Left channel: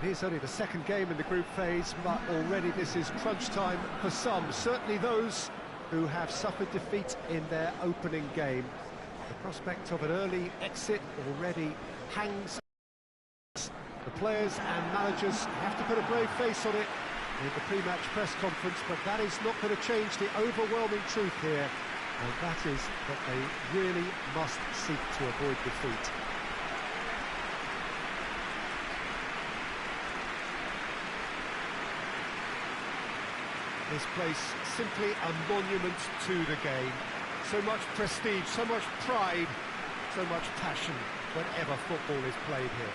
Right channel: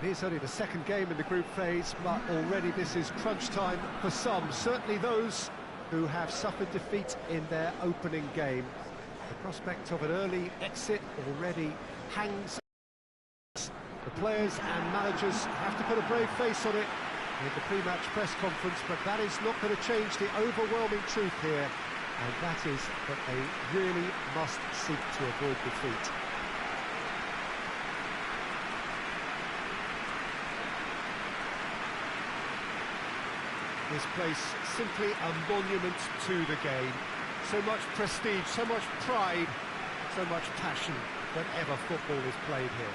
It is only the second game in the group phase, but already this is crunch time for some, certainly those who have suffered defeat in their opening game. The prospect of an early exit already hangs. The players and managers have to put a brave face on it in the pre-match press conference, but that is not going to change the overwhelming truth here, and that is that they really must seek to avoid defeat. This place simply a monument to the game. So much prestige, so much pride, so much passion whenever football is played here.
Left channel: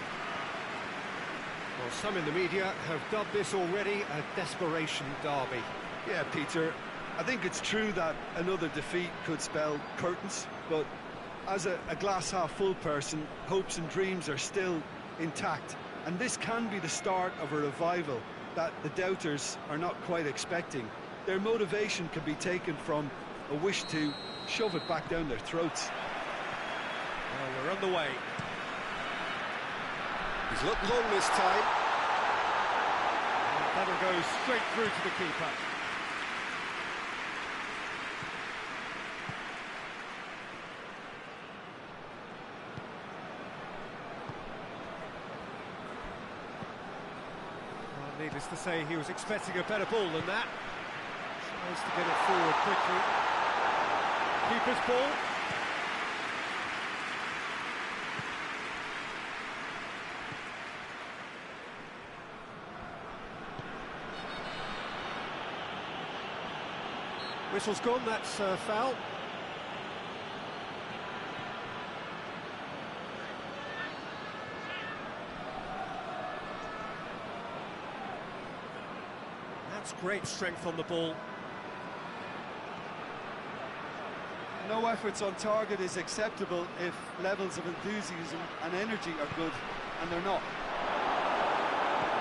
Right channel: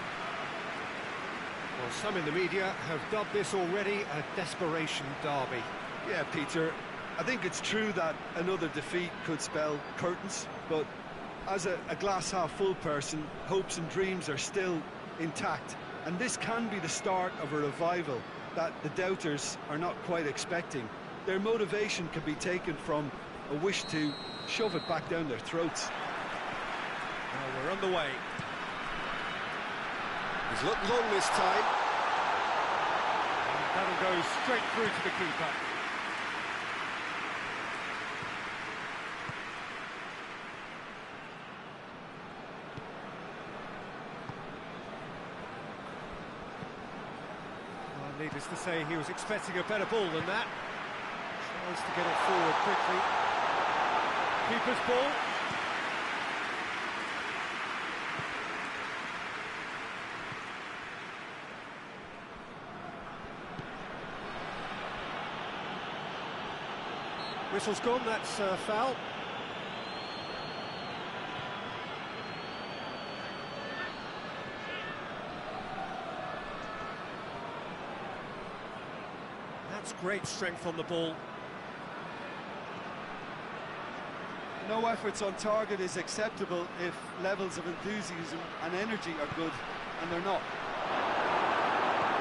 Well, some in the media have dubbed this already a desperation derby. Yeah, Peter, I think it's true that another defeat could spell curtains, but as a glass-half-full person, hopes and dreams are still intact, and this can be the start of a revival that the doubters are not quite expecting. Their motivation can be taken from a wish to shove it back down their throats. Well, we're on the way. He's looked long this time. And that'll go straight through to the keeper. Well, needless to say, he was expecting a better ball than that. Tries to get it forward quickly. Keeper's ball. Whistle's gone, that's foul. That's great strength on the ball. No efforts on target is acceptable if levels of enthusiasm and energy are good, and they're not.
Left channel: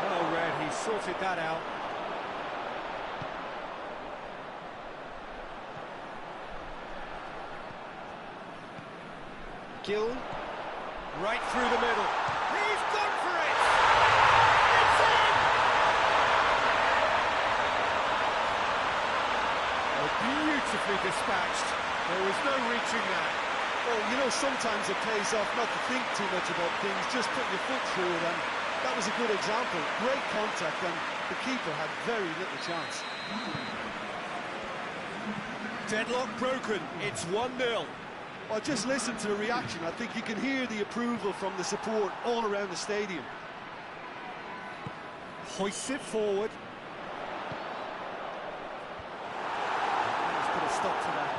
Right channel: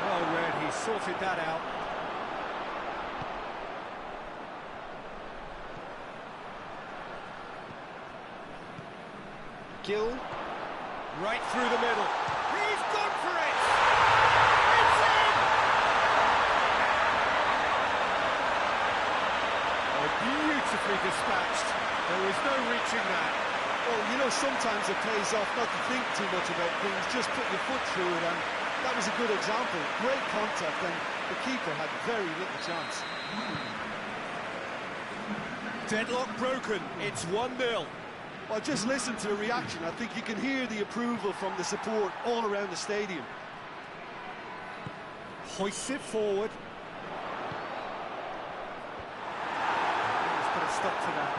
Well read, he sorted that out. Gill, right through the middle. He's gone for it! It's in! Oh, beautifully dispatched. There was no reaching that. Well, you know, sometimes it pays off not to think too much about things, just put your foot through it, and that was a good example. Great contact, and the keeper had very little chance. Deadlock broken, it's 1-0. Well, just listen to the reaction. I think you can hear the approval from the support all around the stadium. Hoists it forward. Let's put a stop to that.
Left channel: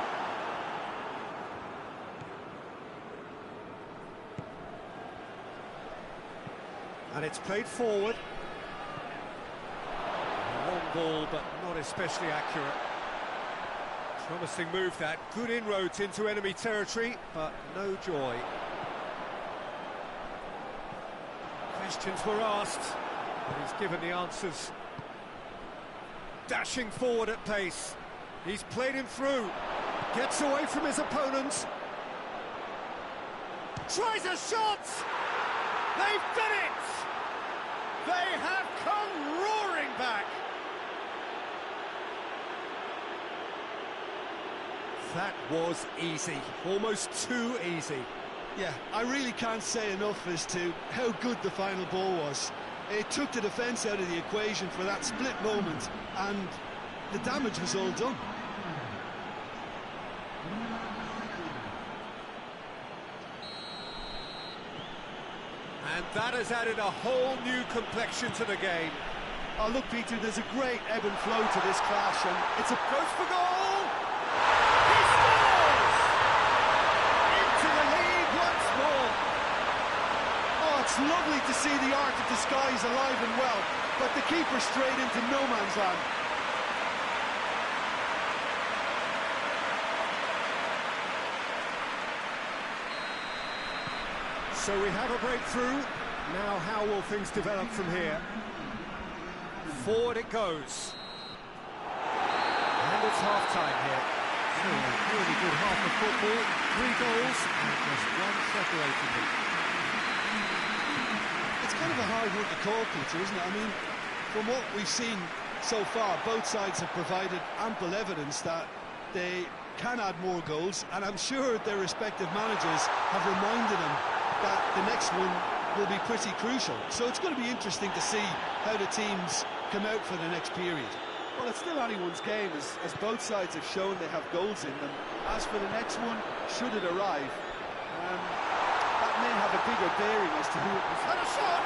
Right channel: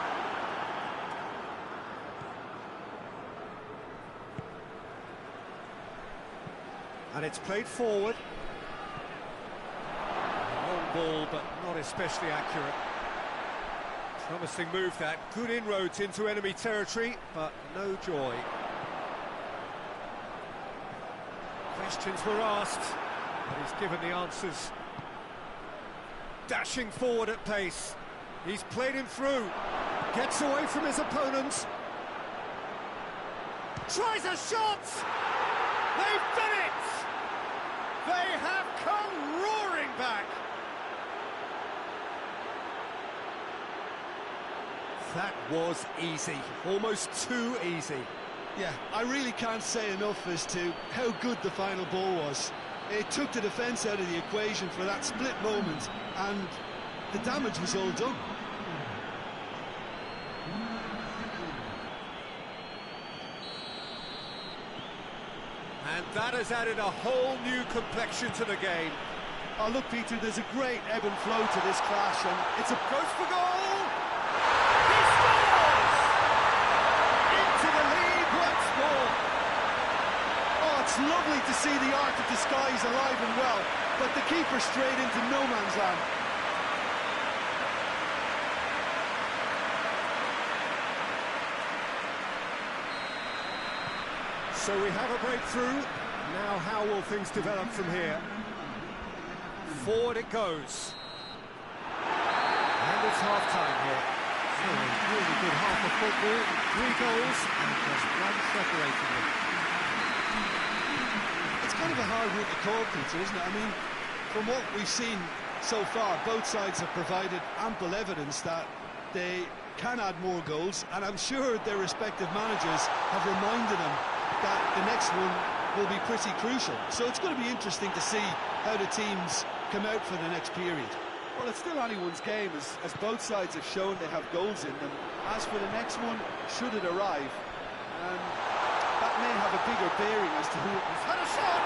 And it's played forward. Long ball, but not especially accurate. Promising move that, good inroads into enemy territory, but no joy. Questions were asked, but he's given the answers. Dashing forward at pace. He's played him through. Gets away from his opponents. Tries a shot! They've done it! They have come roaring back! That was easy, almost too easy. Yeah, I really can't say enough as to how good the final ball was. It took the defence out of the equation for that split moment, and the damage was all done. And that has added a whole new complexion to the game. Oh, look, Peter, there's a great ebb and flow to this clash, and it's a goes for goal! He scores! Into the lead once more. Oh, it's lovely to see the art of disguise alive and well, but the keeper straight into no man's land. So we have a breakthrough. Now how will things develop from here? Forward it goes. And it's half-time here. So a really good half of football, 3 goals and just one separating them. It's kind of a hard one to call, Peter, isn't it? I mean, from what we've seen so far, both sides have provided ample evidence that they can add more goals, and I'm sure their respective managers have reminded them that the next one will be pretty crucial. So it's going to be interesting to see how the teams come out for the next period. Well, it's still anyone's game, as both sides have shown they have goals in them. As for the next one, should it arrive, that may have a bigger bearing as to who it was. Had a shot!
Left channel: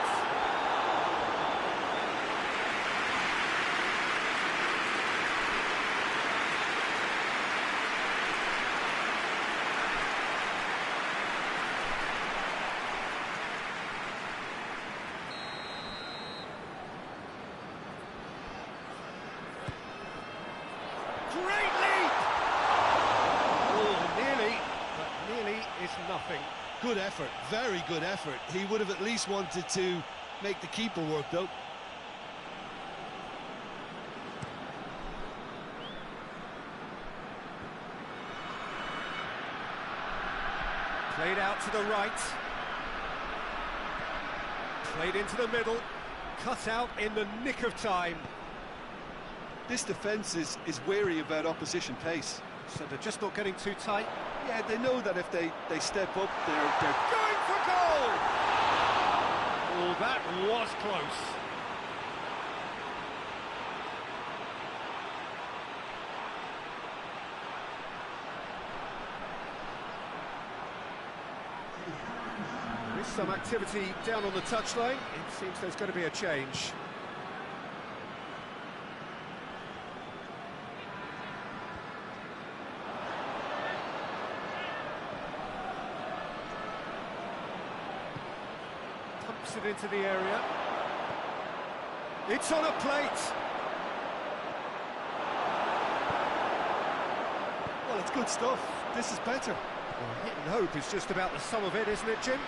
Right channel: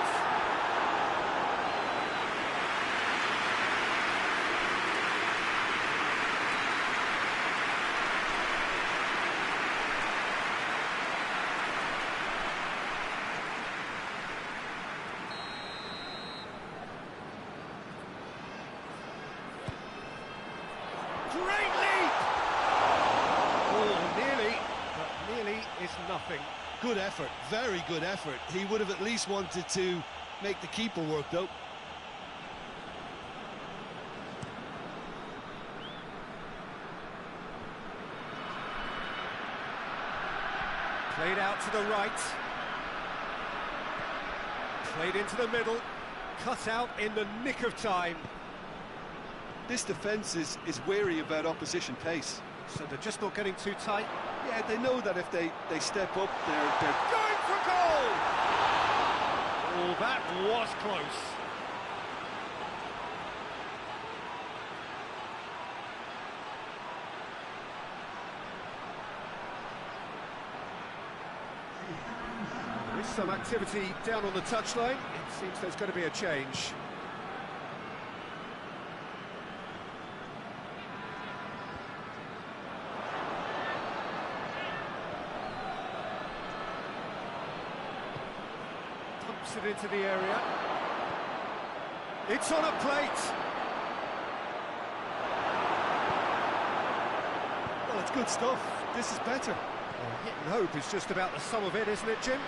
Great leap! Oh, nearly, but nearly is nothing. Good effort, very good effort. He would have at least wanted to make the keeper work, though. Played out to the right. Played into the middle. Cut out in the nick of time. This defence is wary about opposition pace. So they're just not getting too tight. Yeah, they know that if they step up, they're going for goal! Oh, that was close. There is some activity down on the touchline. It seems there's going to be a change. Pumps it into the area. It's on a plate. Well, it's good stuff. This is better. Well, hit and hope is just about the sum of it, isn't it, Jim?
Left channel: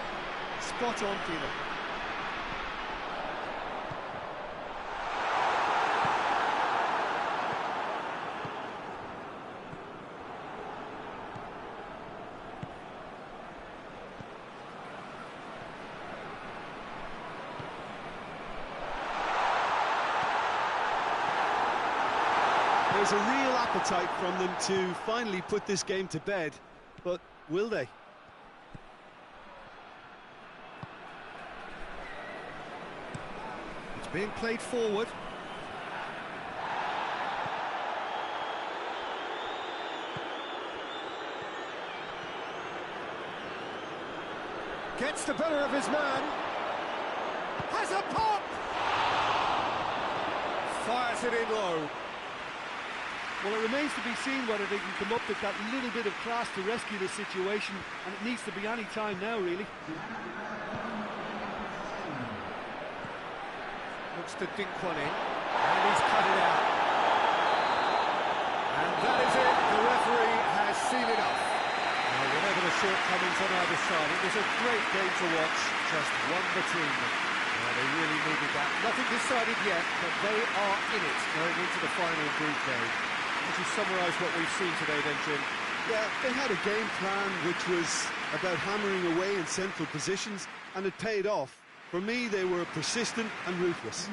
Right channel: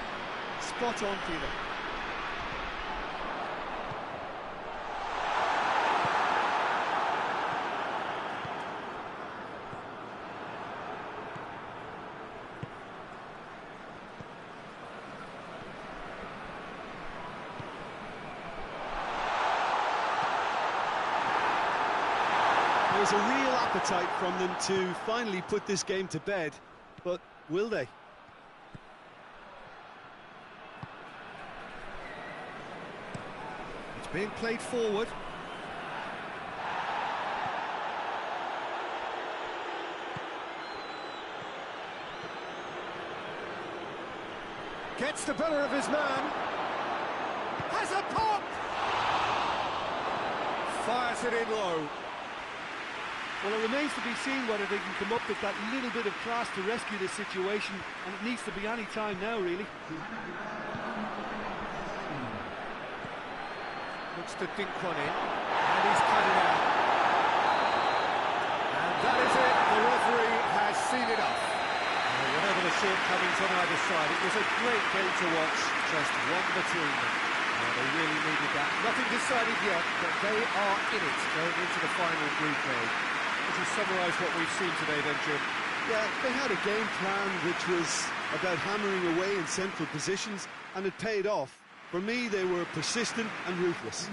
Spot on, Peter. There's a real appetite from them to finally put this game to bed, but will they? It's being played forward. Gets the better of his man. Has a pop! Fires it in low. Well, it remains to be seen whether they can come up with that little bit of class to rescue this situation, and it needs to be any time now, really. Looks to dink one in, and he's cut it out. And that is it, the referee has seen enough. Whatever the shortcomings on either side, it was a great game to watch, just one between them. They really needed that. Nothing decided yet, but they are in it going into the final group A. Would you summarise what we've seen today then, Jim? Yeah, they had a game plan which was about hammering away in central positions, and it paid off. For me, they were persistent and ruthless.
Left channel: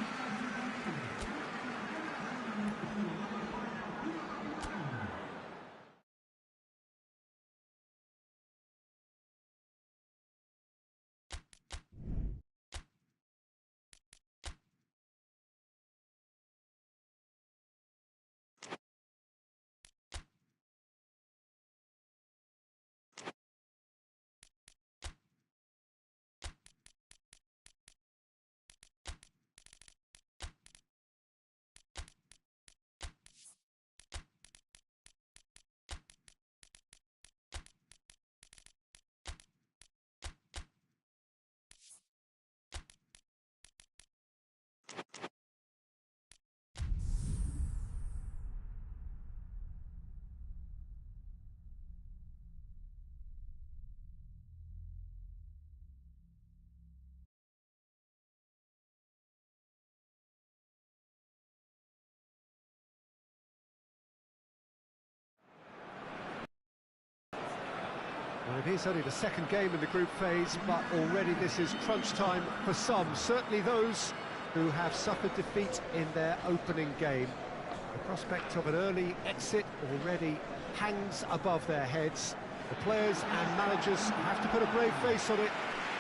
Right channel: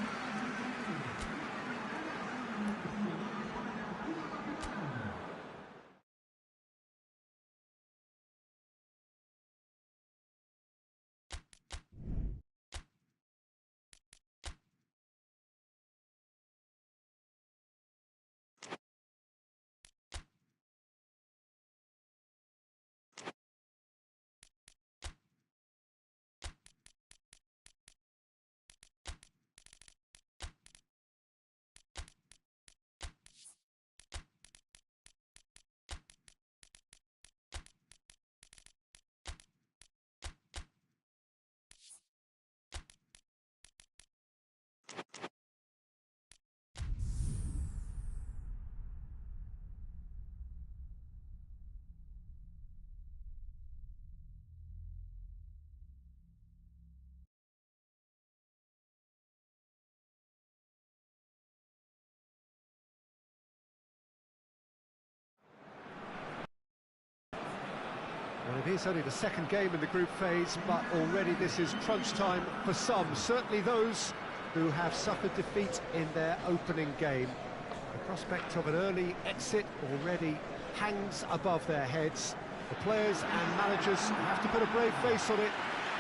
Well, it is only the second game in the group phase, but already this is crunch time for some, certainly those who have suffered defeat in their opening game. The prospect of an early exit already hangs above their heads. The players and managers have to put a brave face on it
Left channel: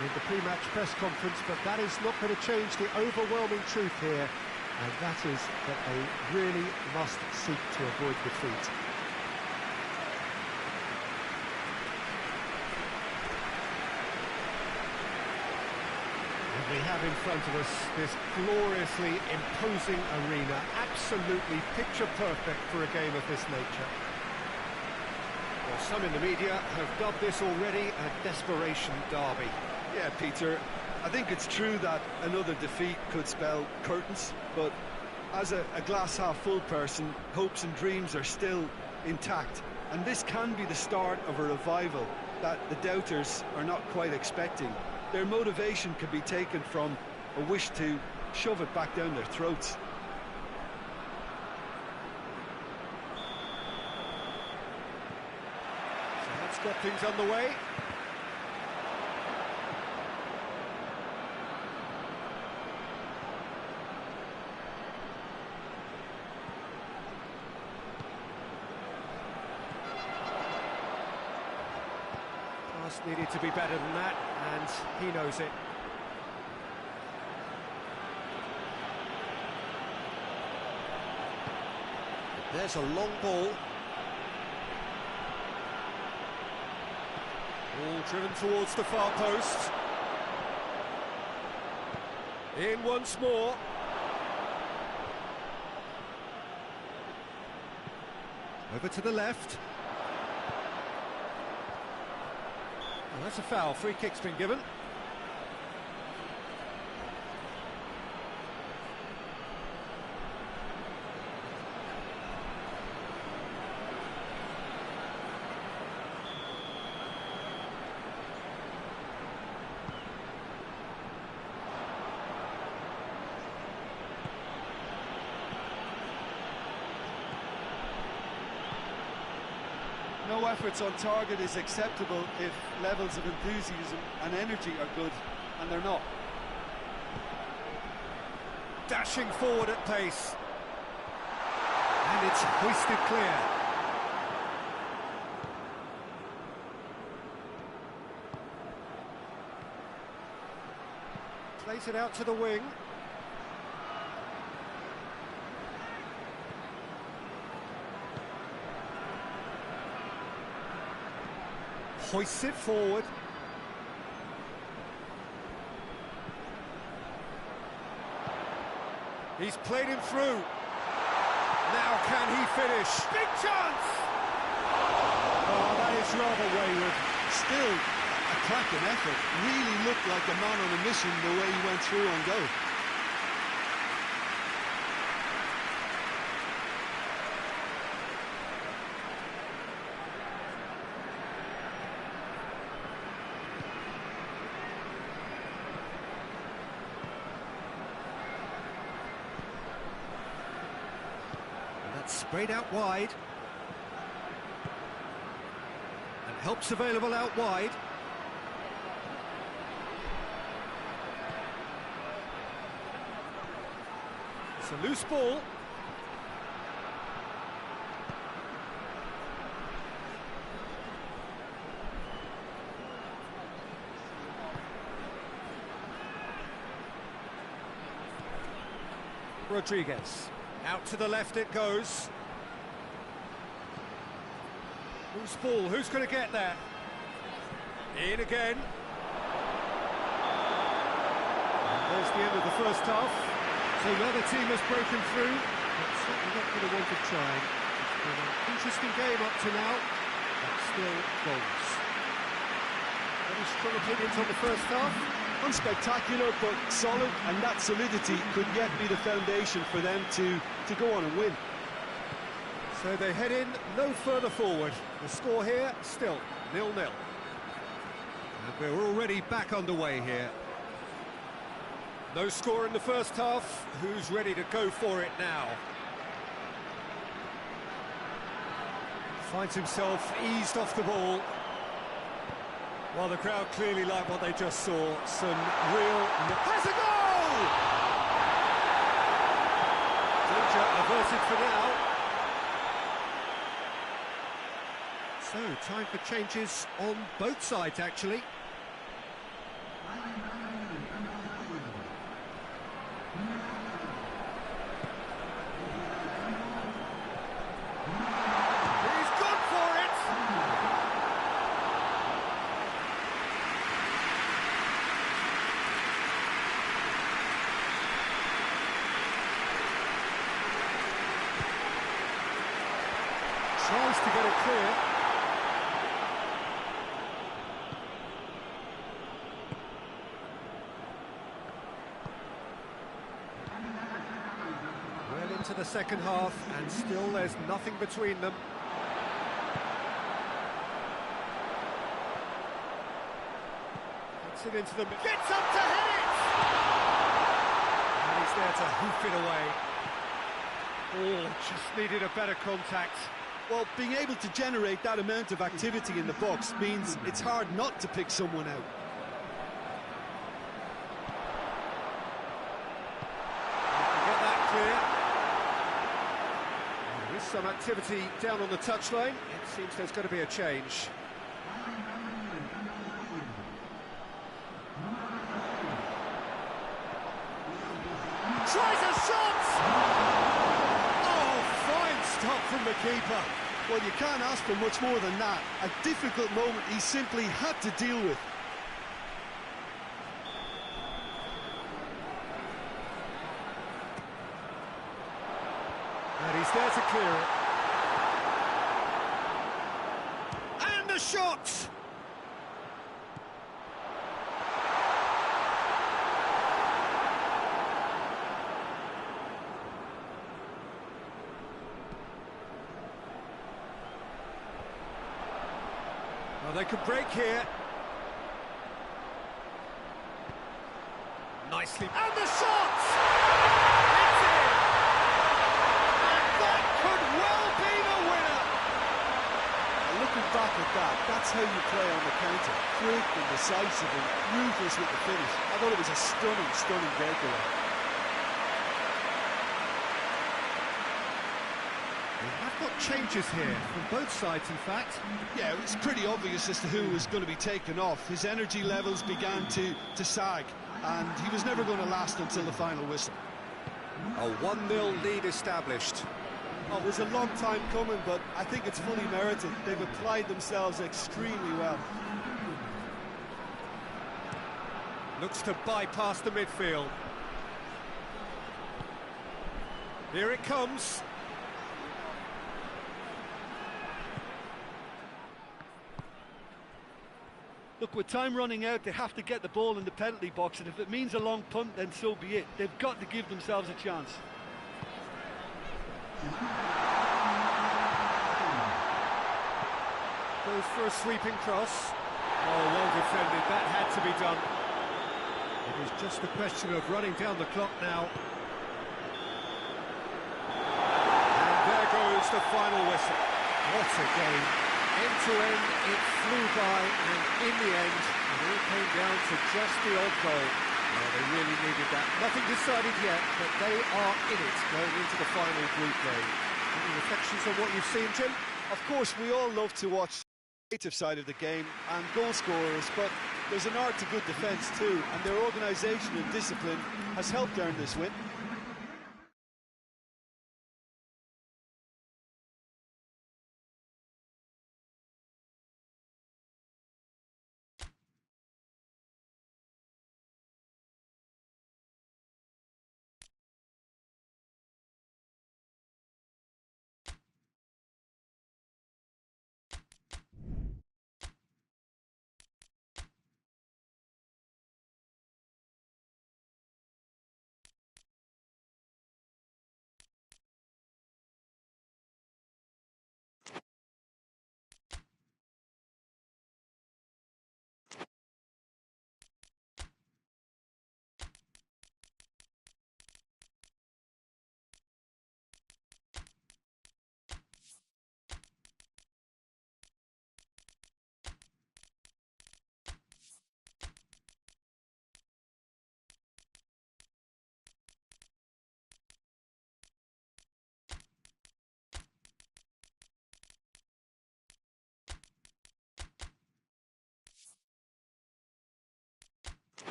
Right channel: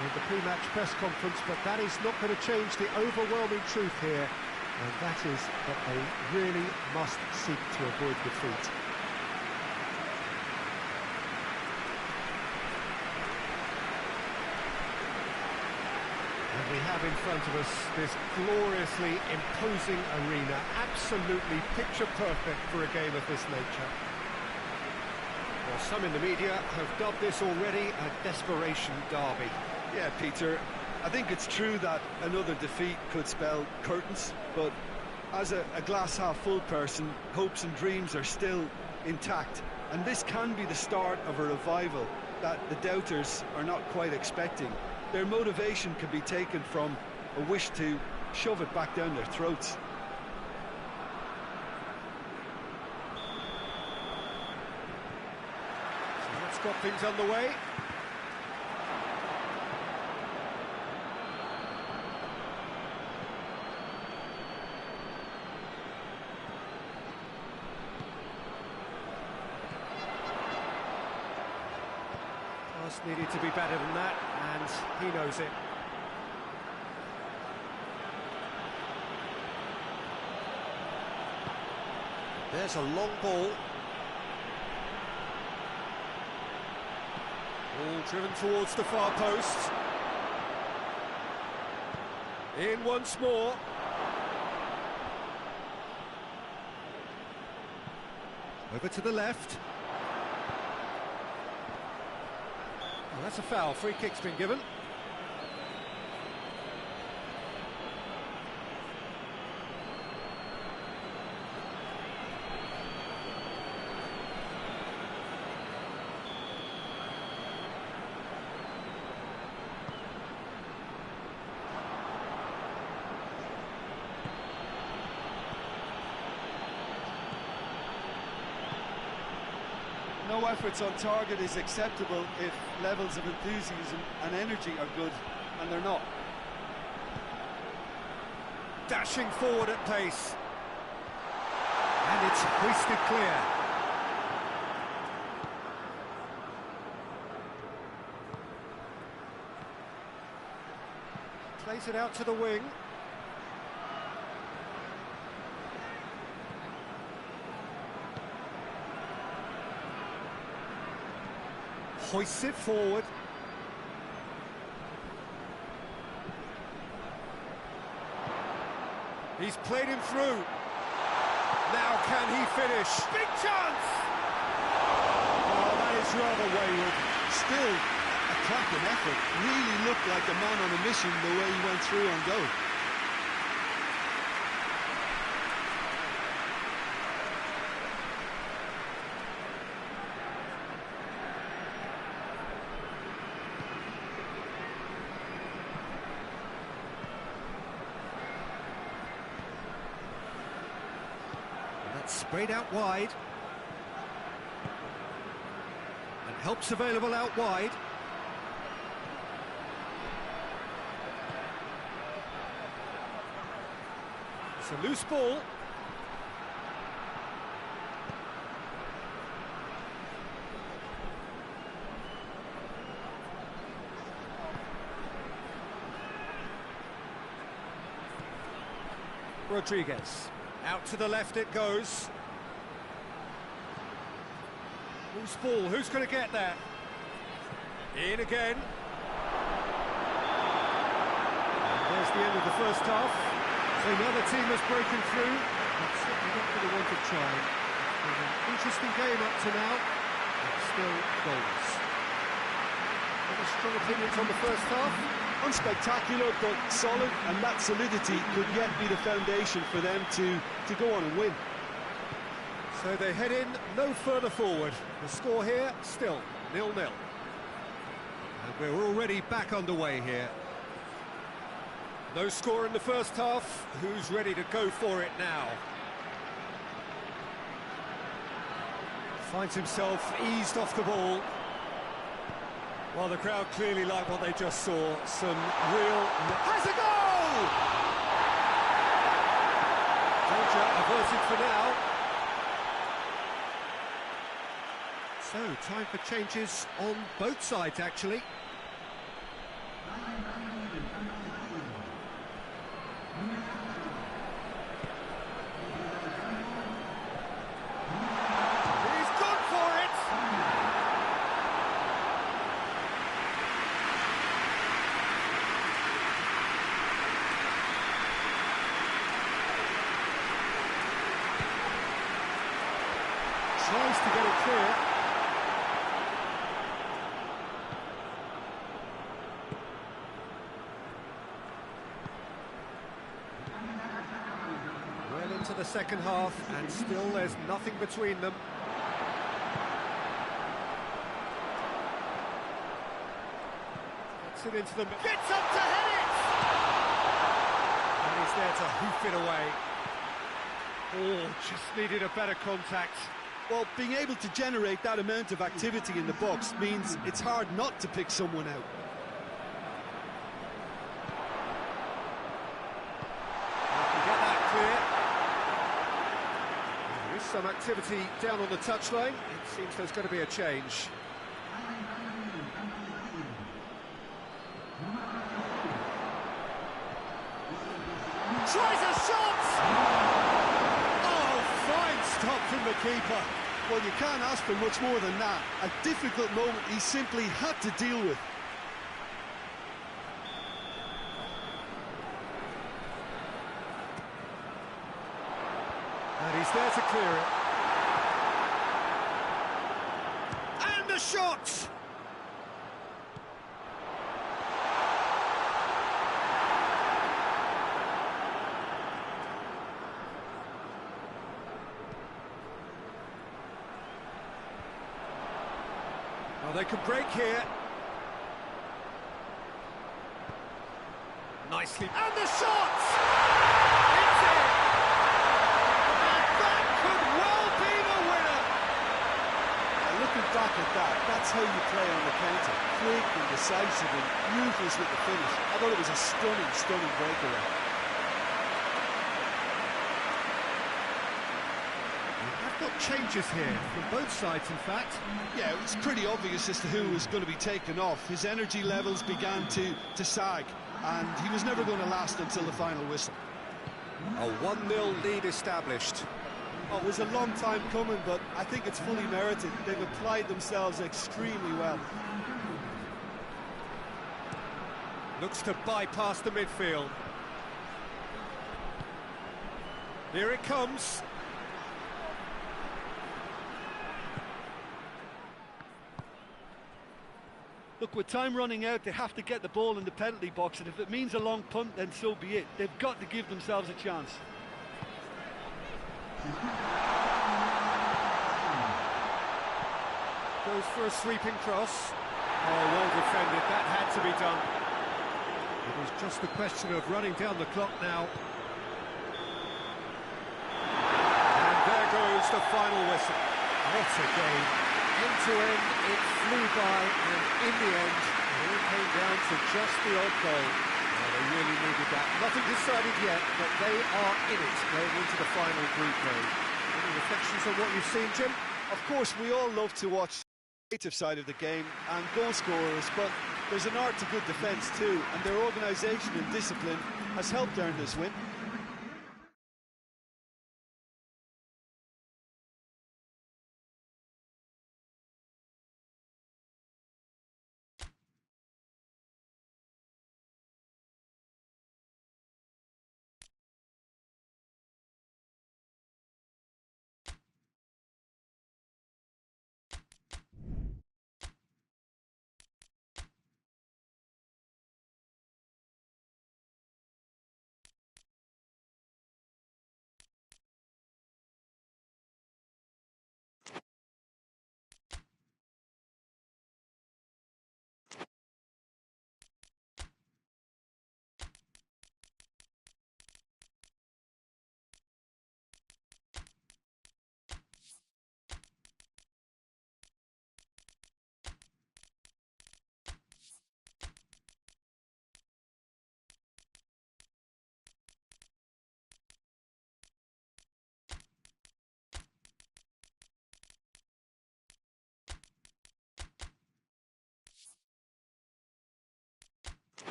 in the pre-match press conference, but that is not going to change the overwhelming truth here, and that is that they really must seek to avoid defeat. And we have in front of us this gloriously imposing arena, absolutely picture perfect for a game of this nature. Well, some in the media have dubbed this already a desperation derby. Yeah, Peter, I think it's true that another defeat could spell curtains, but as a glass-half-full person, hopes and dreams are still intact, and this can be the start of a revival that the doubters are not quite expecting. Their motivation can be taken from a wish to shove it back down their throats. So let's get things underway. Pass needed to be better than that, and he knows it. There's a long ball. Ball driven towards the far post. In once more. Over to the left. Well, that's a foul. Free kick's been given. No efforts on target is acceptable if levels of enthusiasm and energy are good, and they're not. Dashing forward at pace. And it's hoisted clear. Plays it out to the wing. Hoists it forward. He's played him through. Now can he finish? Big chance! Oh, that is rather wayward. Still a cracking effort. Really looked like a man on a mission the way he went through on goal. Sprayed out wide. And help's available out wide. It's a loose ball. Rodriguez. Out to the left it goes. Loose ball, who's going to get that? In again. And there's the end of the first half. So now the team has broken through, but certainly not for the want of trying. It's been an interesting game up to now, but still goals. Any strong opinions on the first half? Unspectacular but solid, and that solidity could yet be the foundation for them to go on and win. So they head in no further forward. The score here still 0-0. And we're already back underway here. No score in the first half. Who's ready to go for it now? Finds himself eased off the ball. Well, the crowd clearly like what they just saw. Some real... Has a goal! Danger averted for now. So, time for changes on both sides, actually. He's gone for it! Tries to get it clear. Well into the second half, and still there's nothing between them. Gets it into the... Gets up to head it! And he's there to hoof it away. Oh, just needed a better contact. Well, being able to generate that amount of activity in the box means it's hard not to pick someone out. You can get that clear. Well, there is some activity down on the touchline. It seems there's going to be a change. Tries a shot! Fine stop from the keeper. Well, you can't ask for much more than that. A difficult moment he simply had to deal with. And he's there to clear it. And a shot! Well, they could break here. Nicely. And the shot! It's in! And that could well be the winner! Looking back at that, that's how you play on the counter. Quick and decisive and ruthless with the finish. I thought it was a stunning, stunning breakaway. We have got changes here from both sides, in fact. Yeah, it was pretty obvious as to who was going to be taken off. His energy levels began to sag, and he was never going to last until the final whistle. A 1-0 lead established. Oh, it was a long time coming, but I think it's fully merited. They've applied themselves extremely well. Looks to bypass the midfield. Here it comes. Look, with time running out, they have to get the ball in the penalty box, and if it means a long punt, then so be it. They've got to give themselves a chance. Goes for a sweeping cross. Oh, well defended. That had to be done. It is just a question of running down the clock now. And there goes the final whistle. What a game. End to end, it flew by, and in the end, it all came down to just the odd goal. Well, they really needed that. Nothing decided yet, but they are in it going into the final group game. Any reflections on what you've seen, Jim? Of course, we all love to watch the creative side of the game and goal scorers, but there's an art to good defence too, and their organisation and discipline has helped earn this win.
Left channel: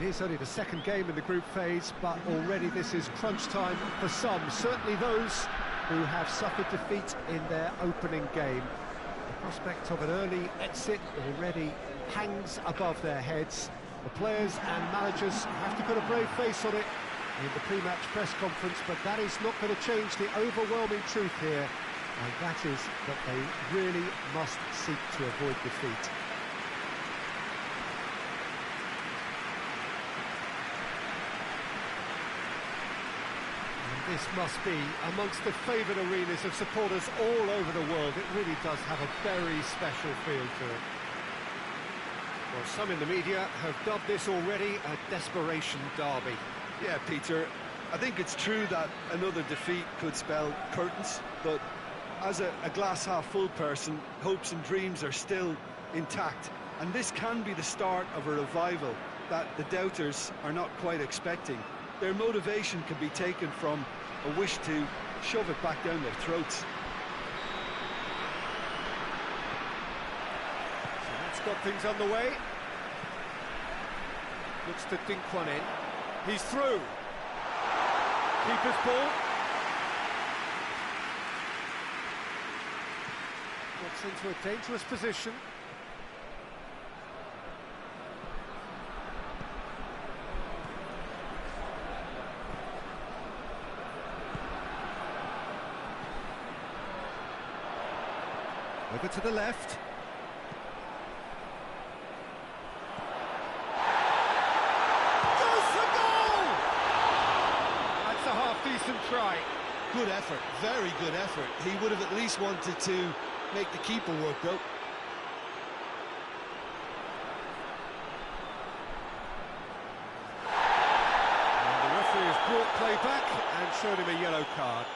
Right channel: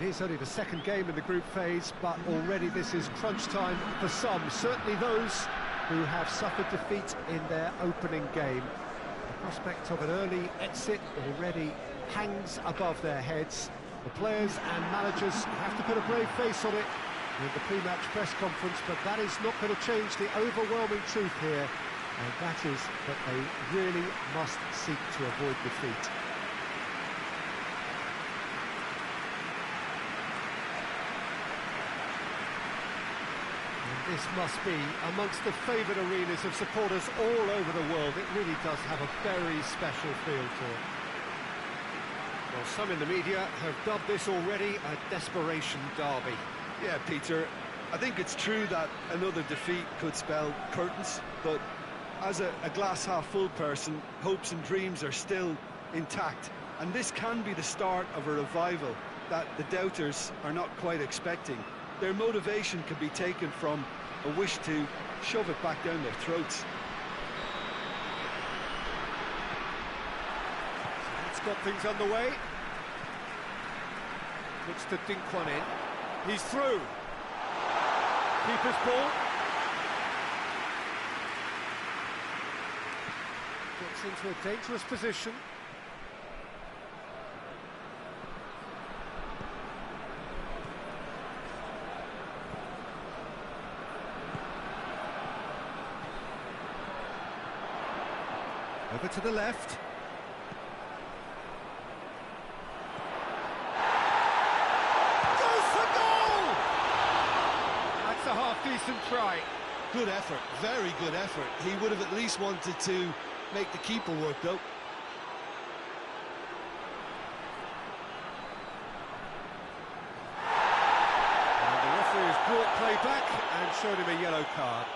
It is only the second game in the group phase, but already this is crunch time for some, certainly those who have suffered defeat in their opening game. The prospect of an early exit already hangs above their heads. The players and managers have to put a brave face on it in the pre-match press conference, but that is not going to change the overwhelming truth here, and that is that they really must seek to avoid defeat. This must be amongst the favoured arenas of supporters all over the world. It really does have a very special feel to it. Well, some in the media have dubbed this already a desperation derby. Yeah, Peter, I think it's true that another defeat could spell curtains, but as a glass-half-full person, hopes and dreams are still intact, and this can be the start of a revival that the doubters are not quite expecting. Their motivation can be taken from a wish to shove it back down their throats. So that's got things underway. Looks to dink one in. He's through. Keeper's ball. Gets into a dangerous position. Over to the left. Goes for goal! That's a half-decent try. Good effort, very good effort. He would have at least wanted to make the keeper work, though. And the referee has brought play back and showed him a yellow card.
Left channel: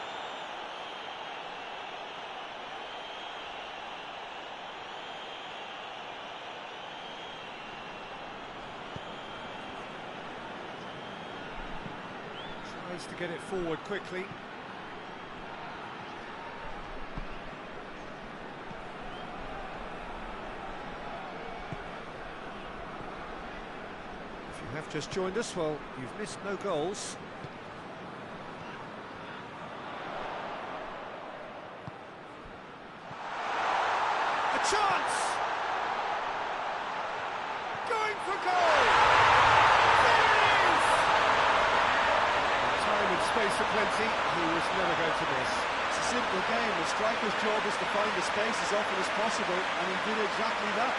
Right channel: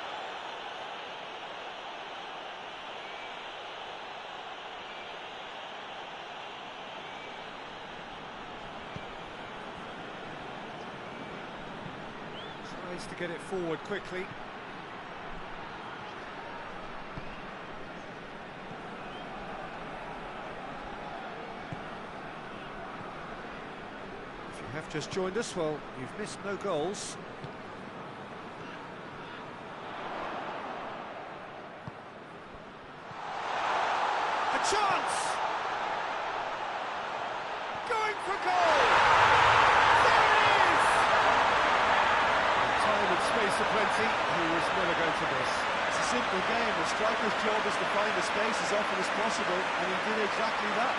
Tries to get it forward quickly. If you have just joined us, well, you've missed no goals. A chance! Going for goal! There it is! Time and space aplenty, he was never going to miss. It's a simple game. The striker's job is to find the space as often as possible, and he did exactly that.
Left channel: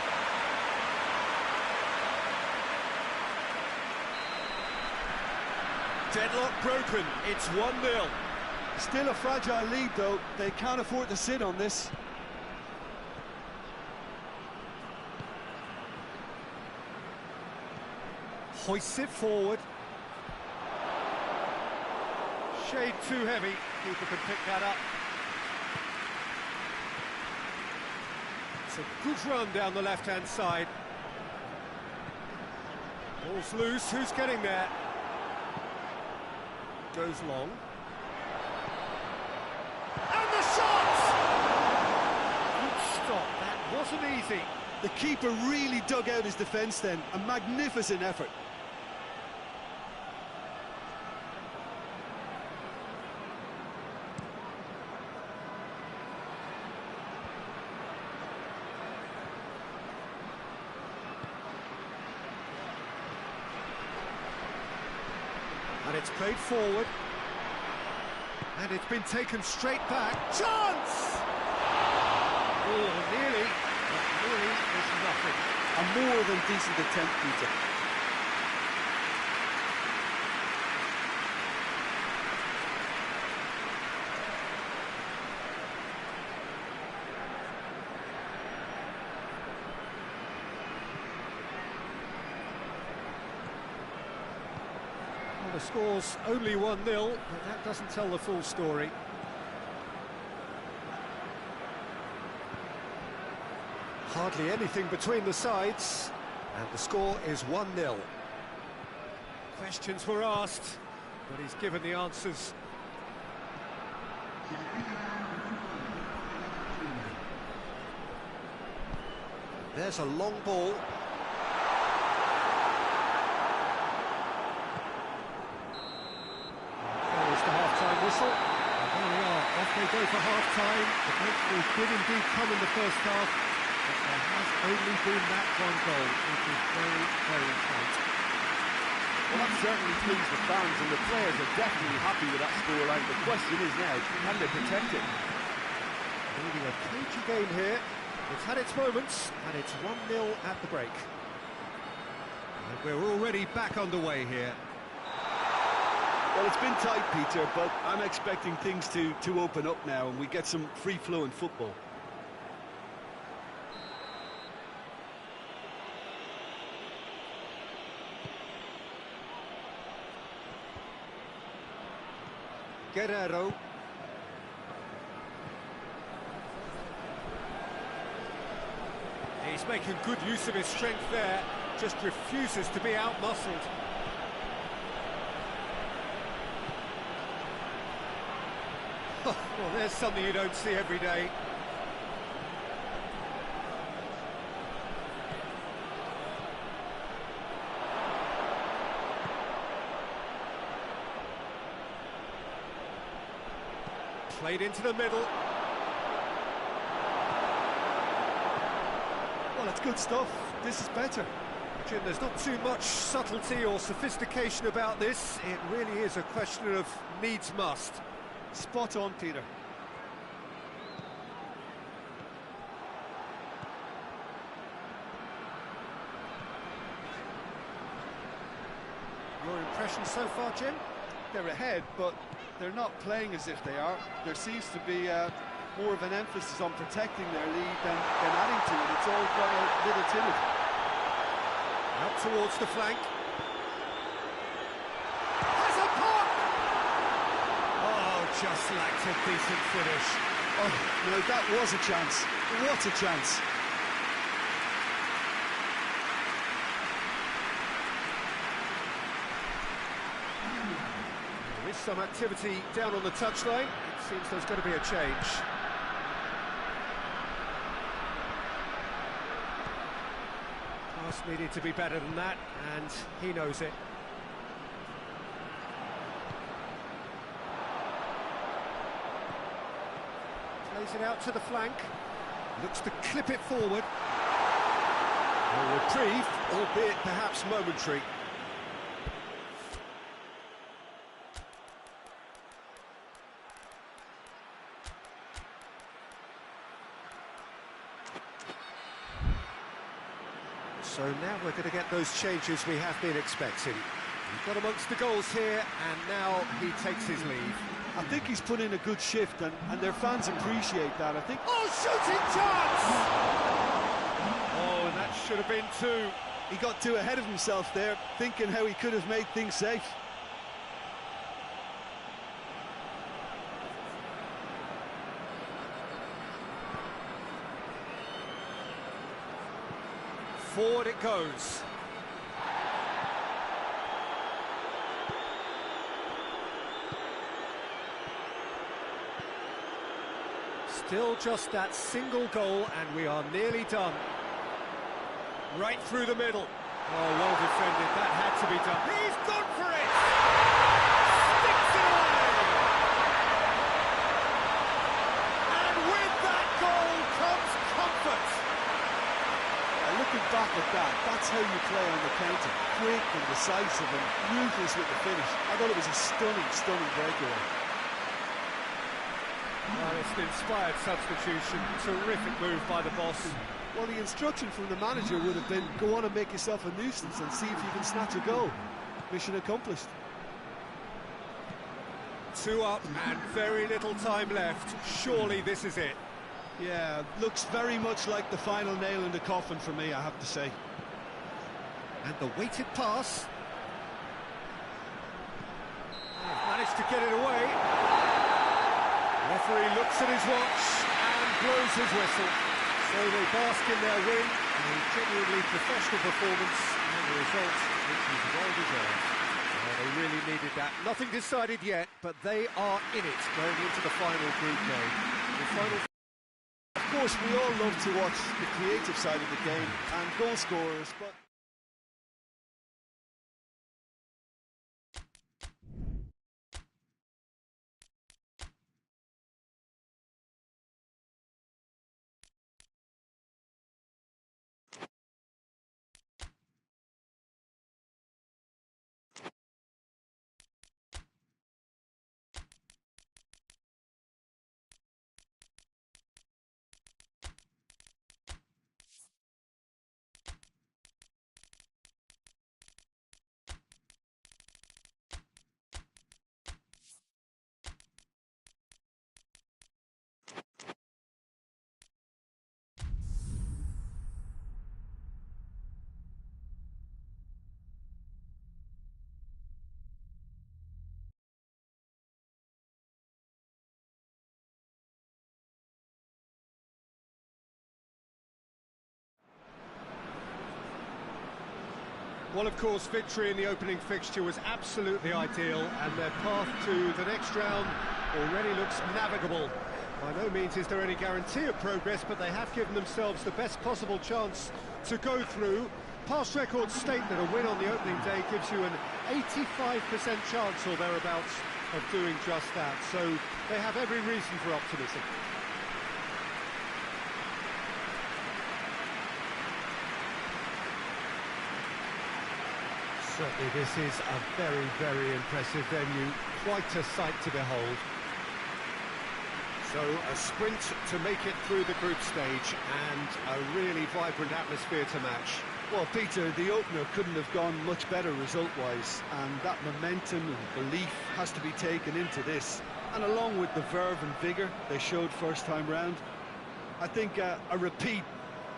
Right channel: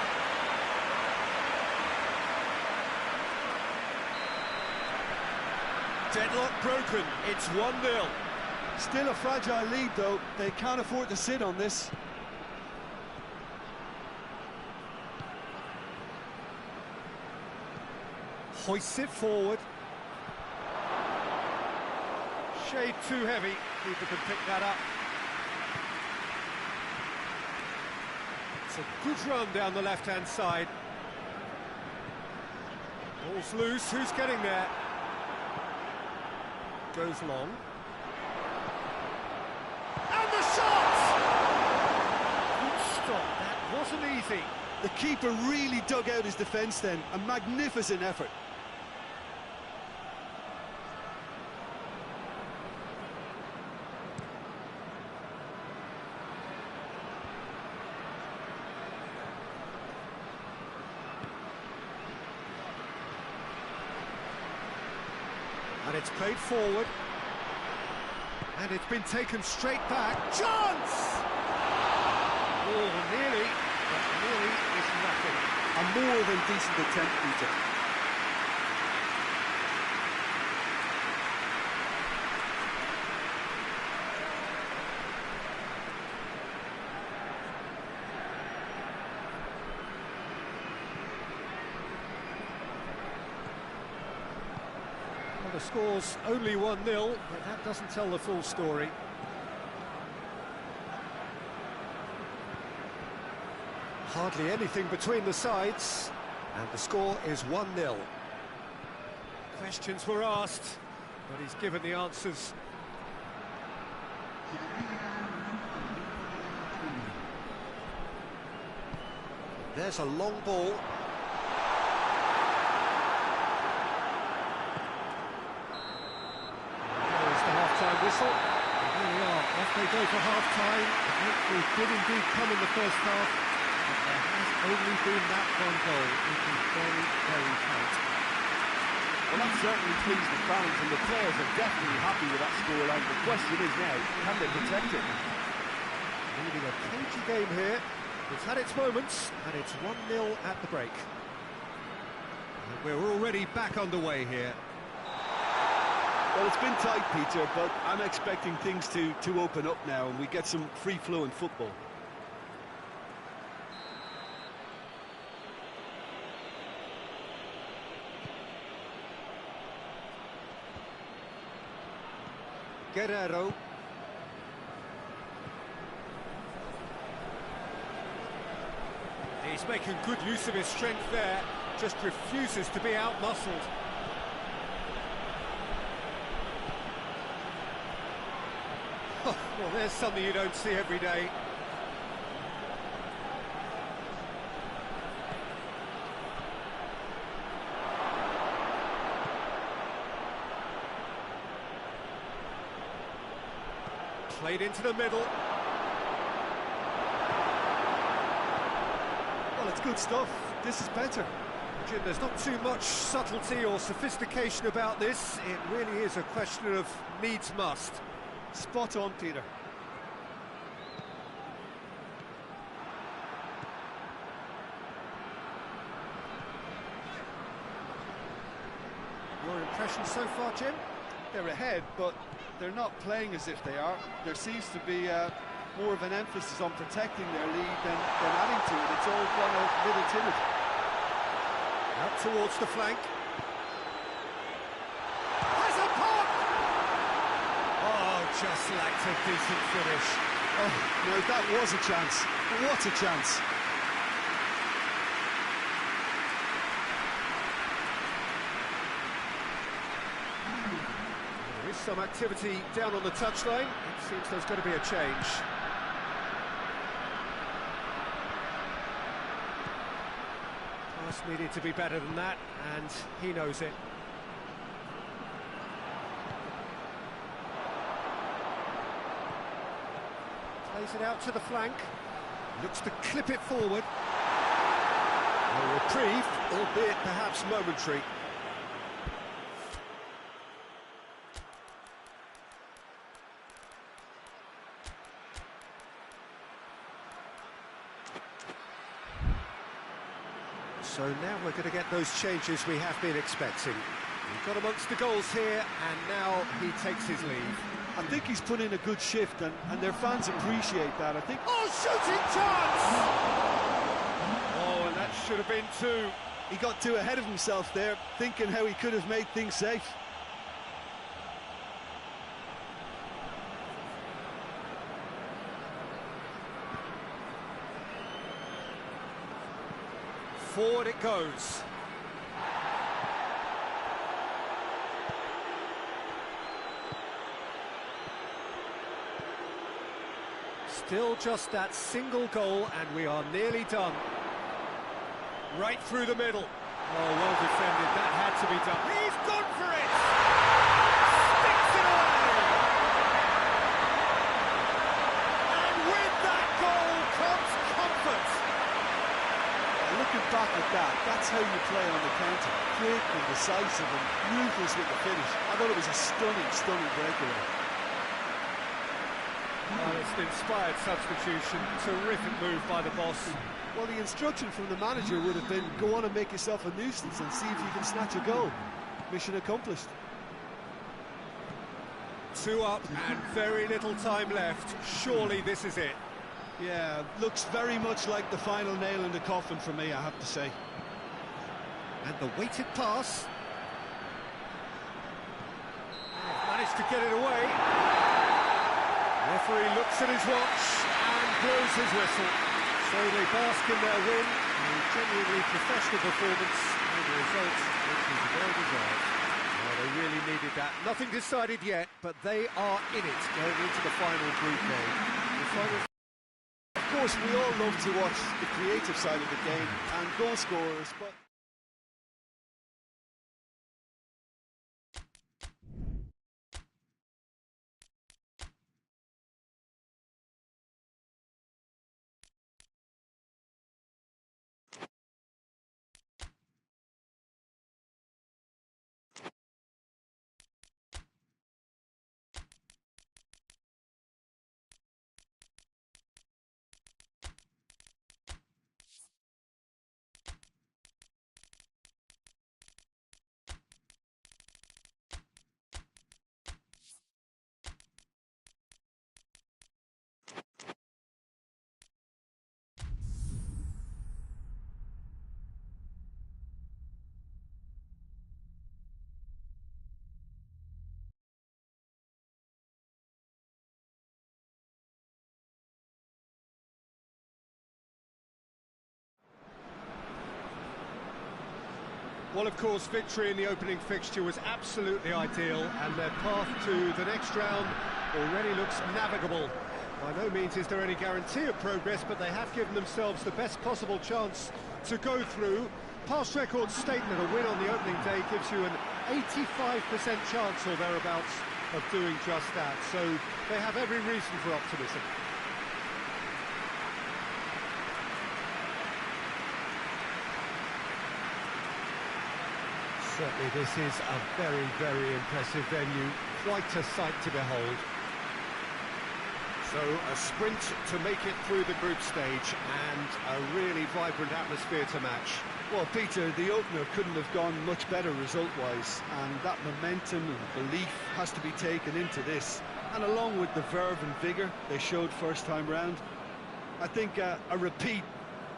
Deadlock broken, it's 1-0. Still a fragile lead, though. They can't afford to sit on this. Hoists it forward. Shade too heavy, keeper can pick that up. It's a good run down the left-hand side. Ball's loose, who's getting there? Goes long. And the shot! Good stop, that wasn't easy. The keeper really dug out his defence then, a magnificent effort. And it's played forward. And it's been taken straight back. Chance! Oh, nearly, but nearly is nothing. A more than decent attempt, Peter. Well, the score's only 1-0, but that doesn't tell the full story. Hardly anything between the sides, and the score is 1-0. Questions were asked, but he's given the answers. There's a long ball. half-time whistle. And there we are, off they go for half-time. The breakthrough did indeed come in the first half, but there has only been that one goal, which is very, very tight. Well, that certainly pleased the fans, and the players are definitely happy with that scoreline. The question is now, can they protect it? Leading a cagey game here. It's had its moments, and it's 1-0 at the break. And we're already back underway here. Well, it's been tight, Peter, but I'm expecting things to open up now, and we get some free-flowing football. Guerrero. He's making good use of his strength there, just refuses to be outmuscled. Well, there's something you don't see every day. Played into the middle. Well, it's good stuff. This is better. Jim, there's not too much subtlety or sophistication about this. It really is a question of needs must. Spot on, Peter. Your impression so far, Jim? They're ahead, but they're not playing as if they are. There seems to be more of an emphasis on protecting their lead than adding to it. It's all gone a little timid. Out towards the flank. Has a pop! Oh, just lacked a decent finish. Oh, no, that was a chance. What a chance. There is some activity down on the touchline. It seems there's going to be a change. Pass needed to be better than that, and he knows it. Plays it out to the flank. Looks to clip it forward. A reprieve, albeit perhaps momentary. So now we're going to get those changes we have been expecting. We've got amongst the goals here, and now he takes his leave. I think he's put in a good shift, and their fans appreciate that, I think. Oh, shooting chance! Oh, and that should have been two. He got too ahead of himself there, thinking how he could have made things safe. Forward it goes. Still just that single goal, and we are nearly done. Right through the middle. Oh, well defended. That had to be done. He's gone for it! Sticks it away! And with that goal comes comfort. Looking back at that, that's how you play on the counter. Quick and decisive and ruthless with the finish. I thought it was a stunning, stunning breakaway. Well, it's an inspired substitution. Terrific move by the boss. Well, the instruction from the manager would have been, go on and make yourself a nuisance and see if you can snatch a goal. Mission accomplished. 2 up and very little time left. Surely this is it. Yeah, looks very much like the final nail in the coffin for me, I have to say. And the weighted pass. They've managed to get it away. Referee looks at his watch and blows his whistle. So they bask in their win, a genuinely professional performance, and a result which is well deserved. Well, they really needed that. Nothing decided yet, but they are in it going into the final group game. The final. Of course, we all love to watch the creative side of the game and goal scorers, but Well, of course, victory in the opening fixture was absolutely ideal, and their path to the next round already looks navigable. By no means is there any guarantee of progress, but they have given themselves the best possible chance to go through. Past records state that a win on the opening day gives you an 85% chance or thereabouts of doing just that, so they have every reason for optimism. Certainly this is a very, very impressive venue, quite a sight to behold. So a sprint to make it through the group stage and a really vibrant atmosphere to match. Well, Peter, the opener couldn't have gone much better result-wise, and that momentum and belief has to be taken into this. And along with the verve and vigour they showed first time round, I think a repeat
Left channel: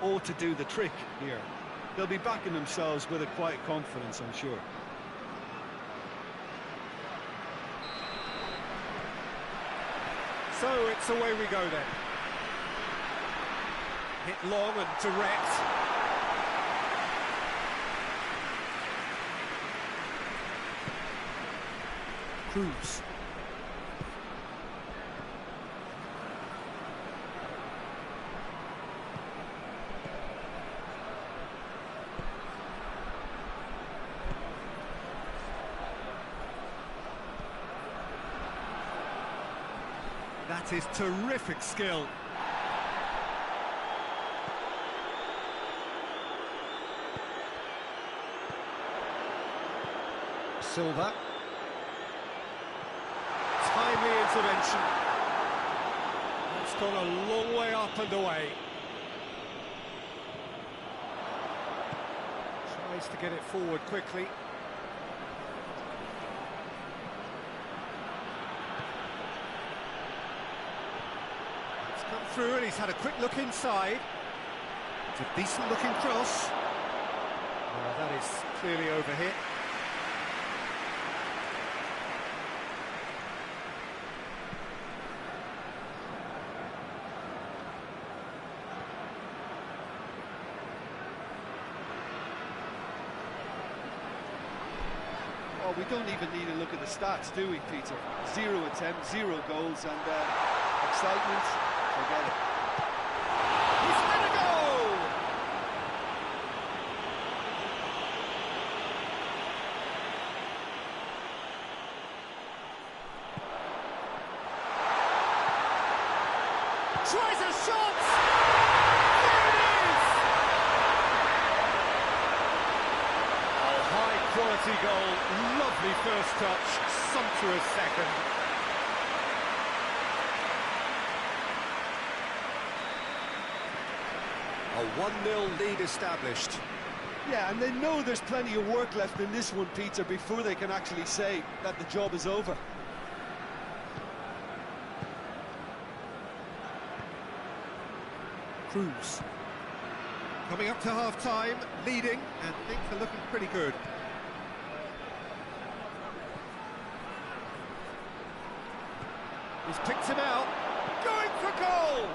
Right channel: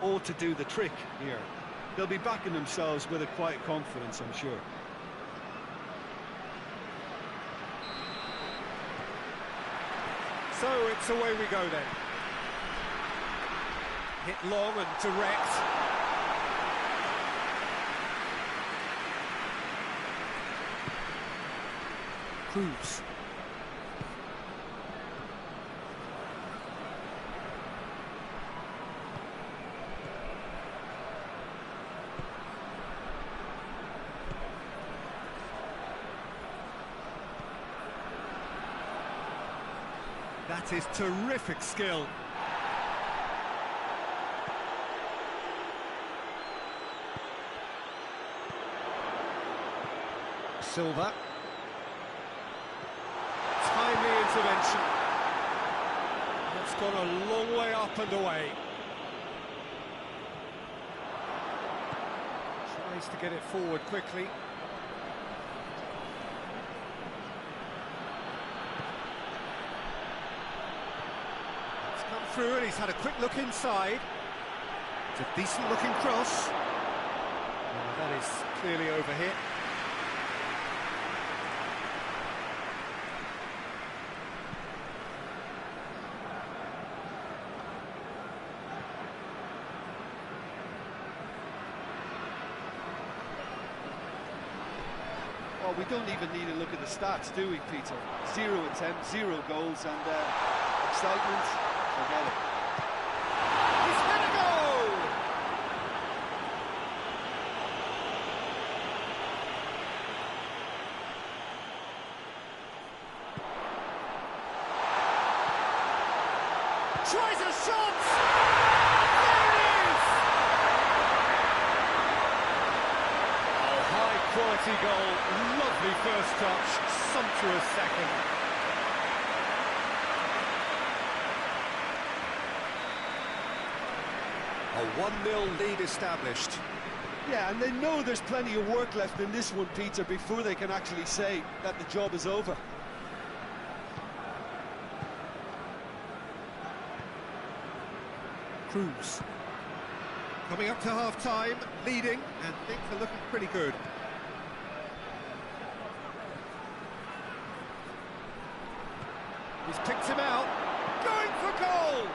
ought to do the trick here. They'll be backing themselves with a quiet confidence, I'm sure. So it's away we go then. Hit long and direct. Cruz. That is terrific skill. Silva. Timely intervention. That's gone a long way up and away. Tries to get it forward quickly. Come through, and he's had a quick look inside. It's a decent looking cross. That is clearly overhit. Well, we don't even need to look at the stats, do we, Peter? 0 attempts, 0 goals, and excitement. Forget it. He's had a goal! Tries a shot! There it is! Oh, high quality goal. Lovely first touch. Sumptuous second. A 1-0 lead established. Yeah, and they know there's plenty of work left in this one, Peter, before they can actually say that the job is over. Cruz. Coming up to half-time, leading, and things are looking pretty good. He's picked him out. Going for goal!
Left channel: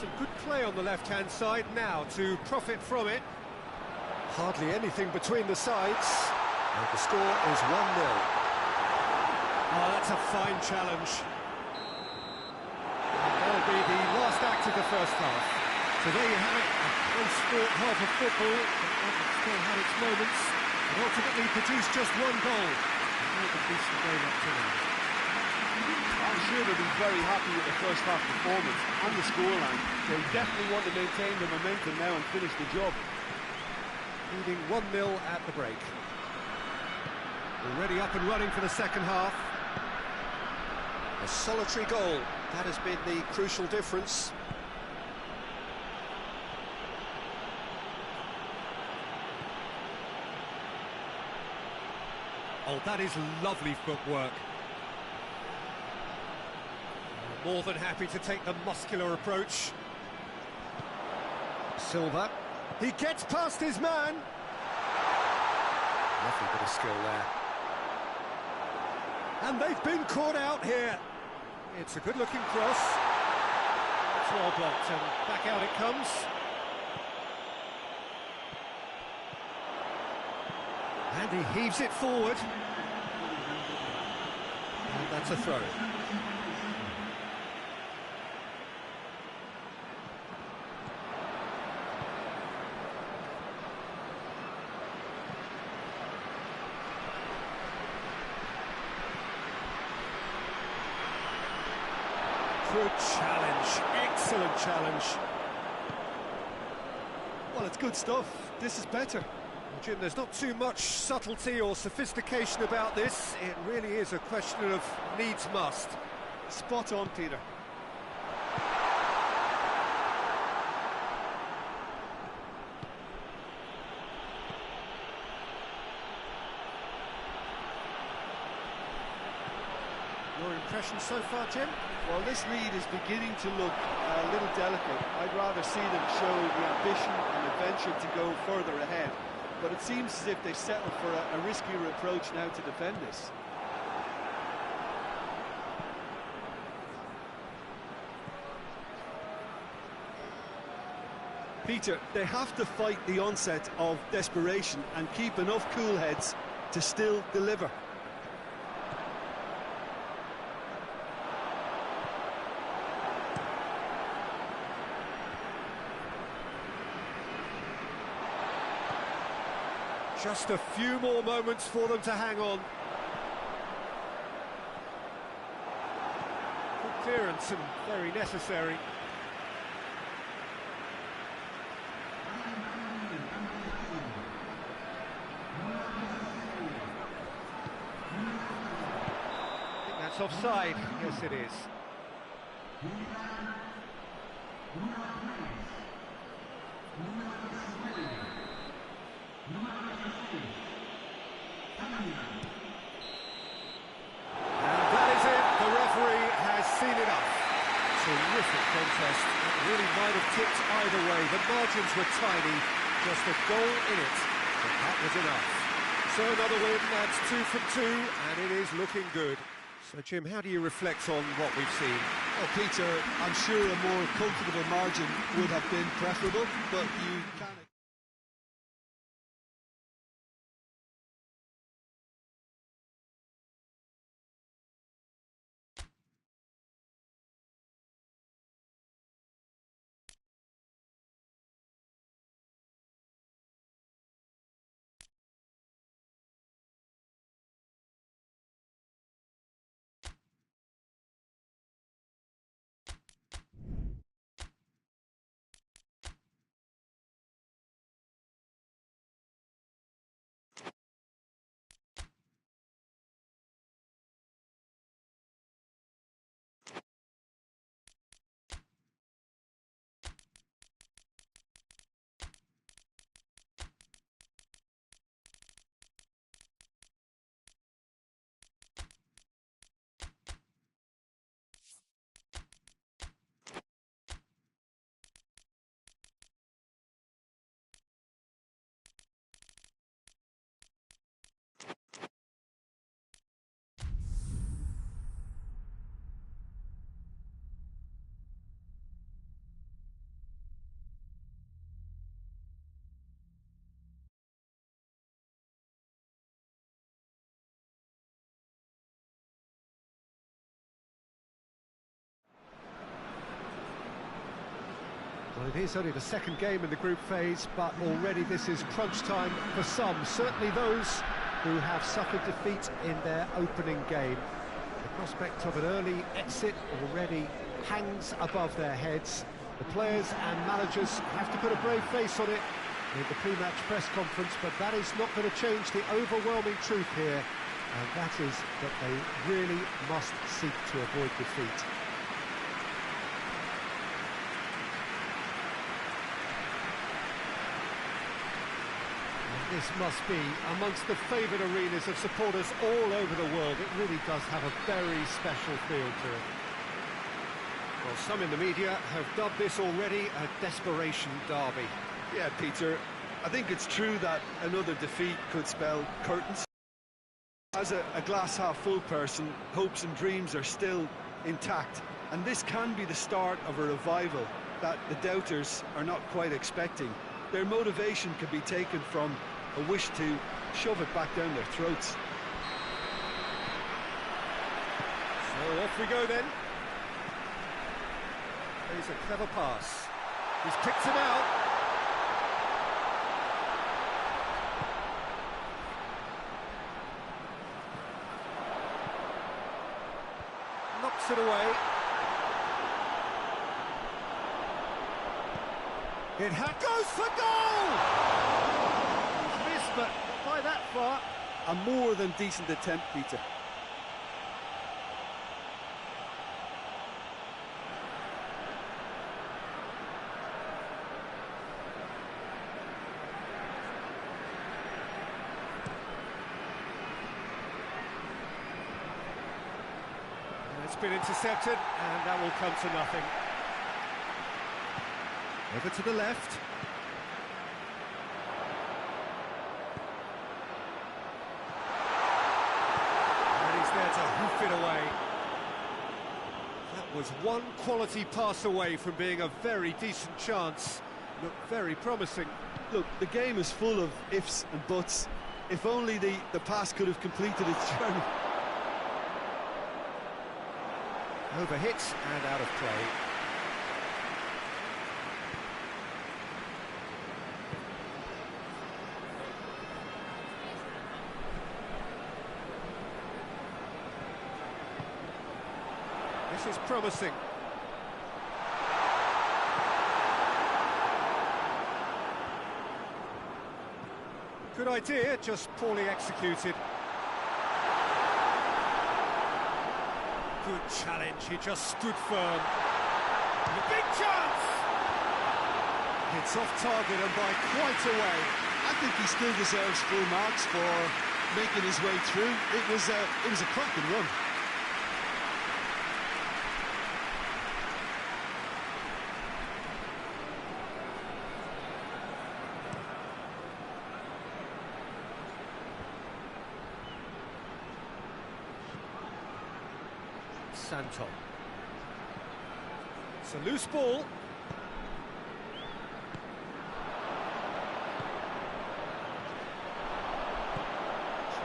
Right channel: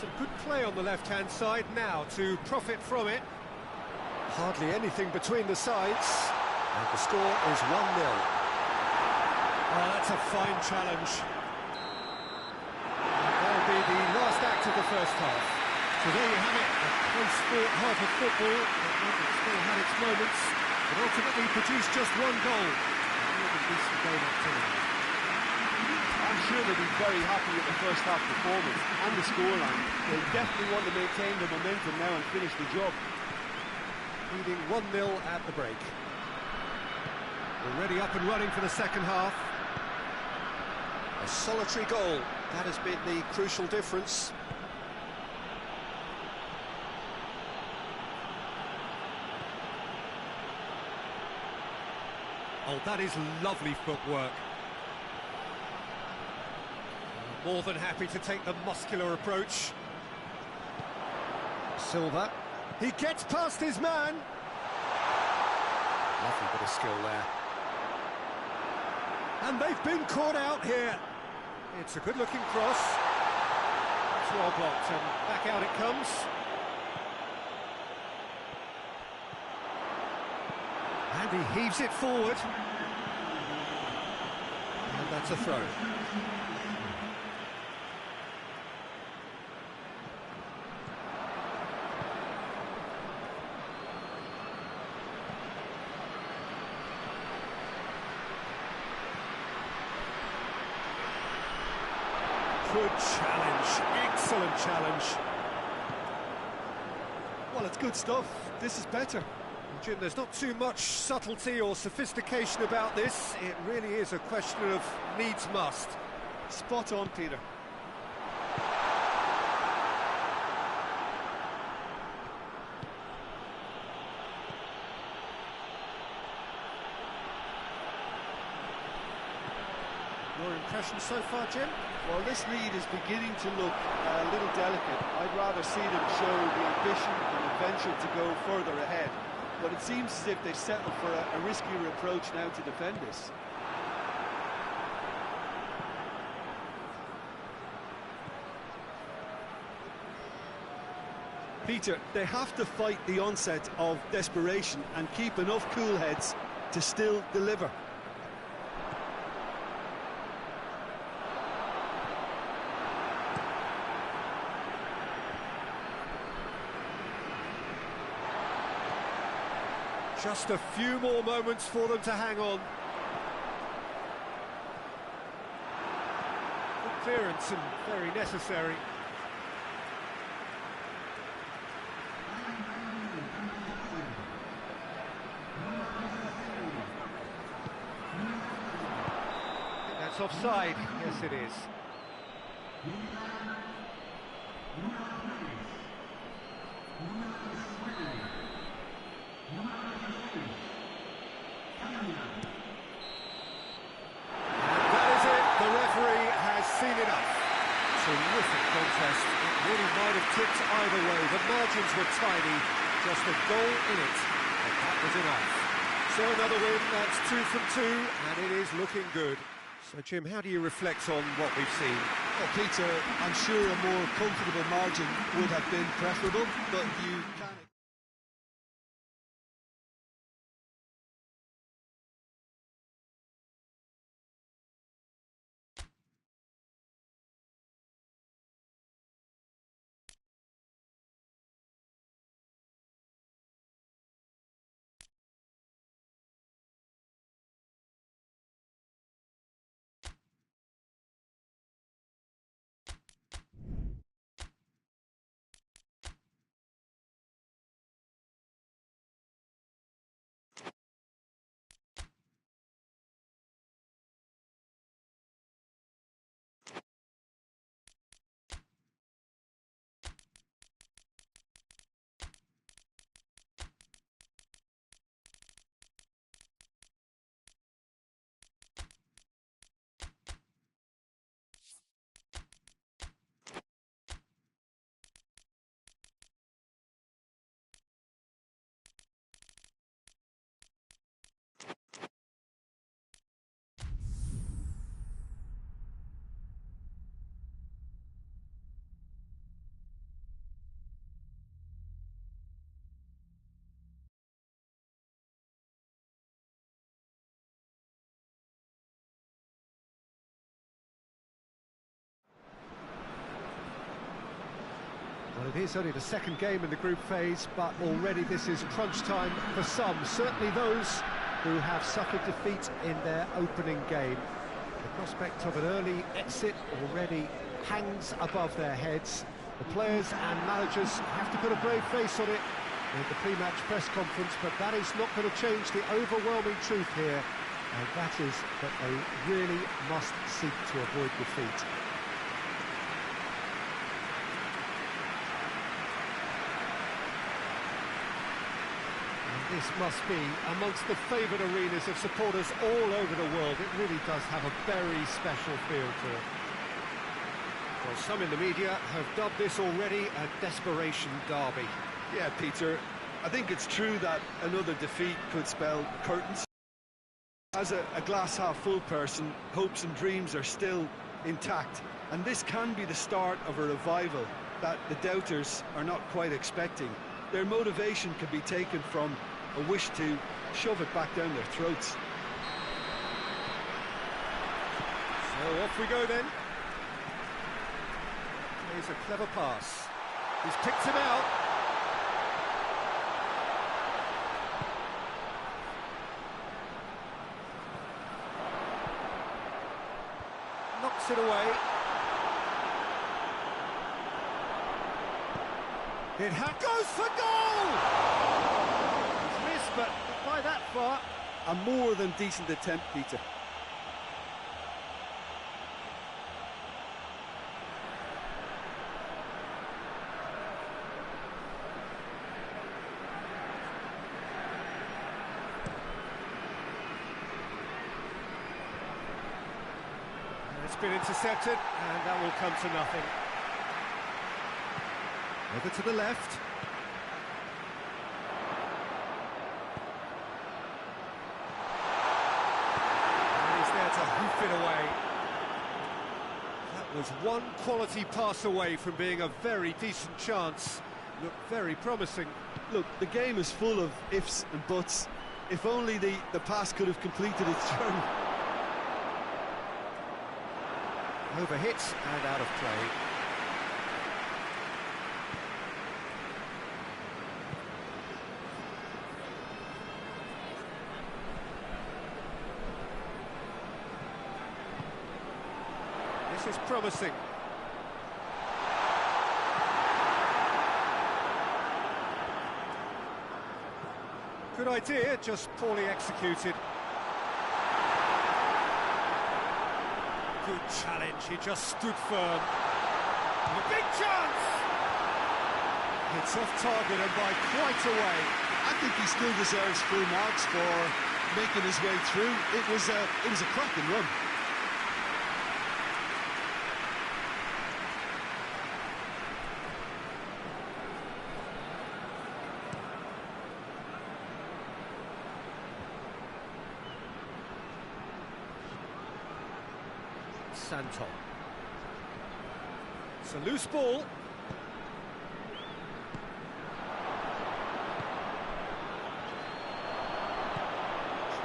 Some good play on the left-hand side now to profit from it. Hardly anything between the sides. And the score is 1-0. Oh, that's a fine challenge. And that'll be the last act of the first half. So there you have it, a close-fought half of football that one still had its moments, but ultimately produced just 1 goal. A more than decent game up to now. I'm sure they'll be very happy with the first half performance and the scoreline. They'll definitely want to maintain the momentum now and finish the job. Leading 1-0 at the break. Already up and running for the second half. A solitary goal, that has been the crucial difference. Oh, that is lovely footwork. More than happy to take the muscular approach. Silva. He gets past his man. Lovely bit of skill there. And they've been caught out here. It's a good-looking cross. That's well blocked, and back out it comes. And he heaves it forward. And that's a throw. Good challenge, excellent challenge. Well, it's good stuff. This is better. Well, Jim, there's not too much subtlety or sophistication about this. It really is a question of needs must. Spot on, Peter. Your impression so far, Jim? Well, this lead is beginning to look a little delicate. I'd rather see them show the ambition and adventure to go further ahead. But it seems as if they've settled for a riskier approach now to defend this. Peter, they have to fight the onset of desperation and keep enough cool heads to still deliver. Just a few more moments for them to hang on. Good clearance and very necessary. I think that's offside. Yes, it is. The referee has seen enough. Terrific contest. It really might have tipped either way. The margins were tiny, just a goal in it, but that was enough. So another win, that's 2 from 2, and it is looking good. So, Jim, how do you reflect on what we've seen? Oh, Peter, I'm sure a more comfortable margin would have been preferable, but you can't... Well, it is only the second game in the group phase, but already this is crunch time for some, certainly those who have suffered defeat in their opening game. The prospect of an early exit already hangs above their heads. The players and managers have to put a brave face on it in the pre-match press conference, but that is not going to change the overwhelming truth here, and that is that they really must seek to avoid defeat. This must be amongst the favoured arenas of supporters all over the world. It really does have a very special feel to it. Well, some in the media have dubbed this already a desperation derby. Yeah, Peter, I think it's true that another defeat could spell curtains. As a glass-half-full person, hopes and dreams are still intact, and this can be the start of a revival that the doubters are not quite expecting. Their motivation can be taken from a wish to shove it back down their throats. So off we go then. Plays a clever pass. He's picked him out. Knocks it away. It goes for goal! He's missed, but not by that far. A more than decent attempt, Peter. It's been intercepted, and that will come to nothing. Over to the left. And he's there to hoof it away. That was one quality pass away from being a very decent chance. Looked very promising. Look, the game is full of ifs and buts. If only the pass could have completed its journey. Overhit and out of play. This is promising. Good idea, just poorly executed. Good challenge, he just stood firm. A big chance! Hits off target and by quite a way. I think he still deserves full marks for making his way through. It was a cracking run. Santon. It's a loose ball.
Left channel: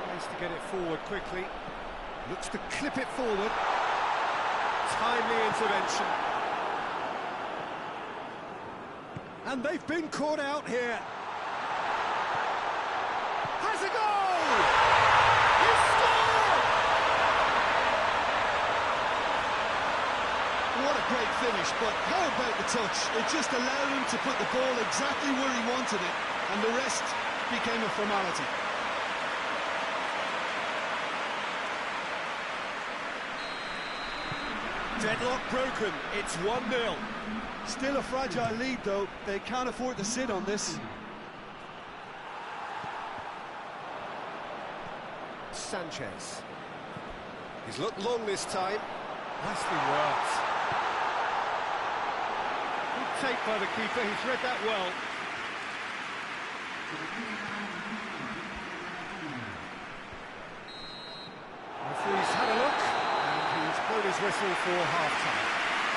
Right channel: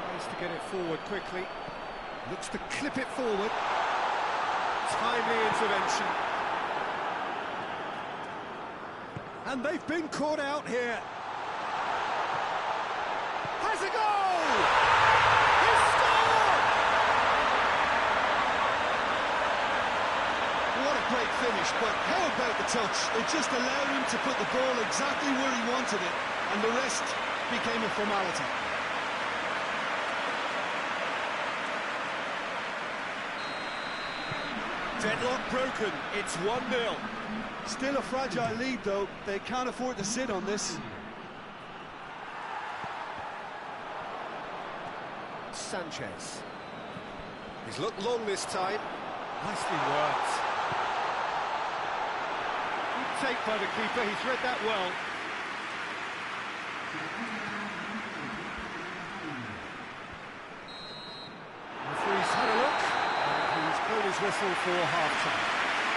Tries to get it forward quickly. Looks to clip it forward. Timely intervention. And they've been caught out here. Has a goal! He's scored! What a great finish, but how about the touch? It just allowed him to put the ball exactly where he wanted it, and the rest became a formality. Deadlock broken, it's 1-0. Still a fragile lead, though. They can't afford to sit on this. Sanchez. He's looked long this time. Nicely worked. Good take by the keeper, he's read that well. Referee's had a look, and he's blown his whistle for half-time.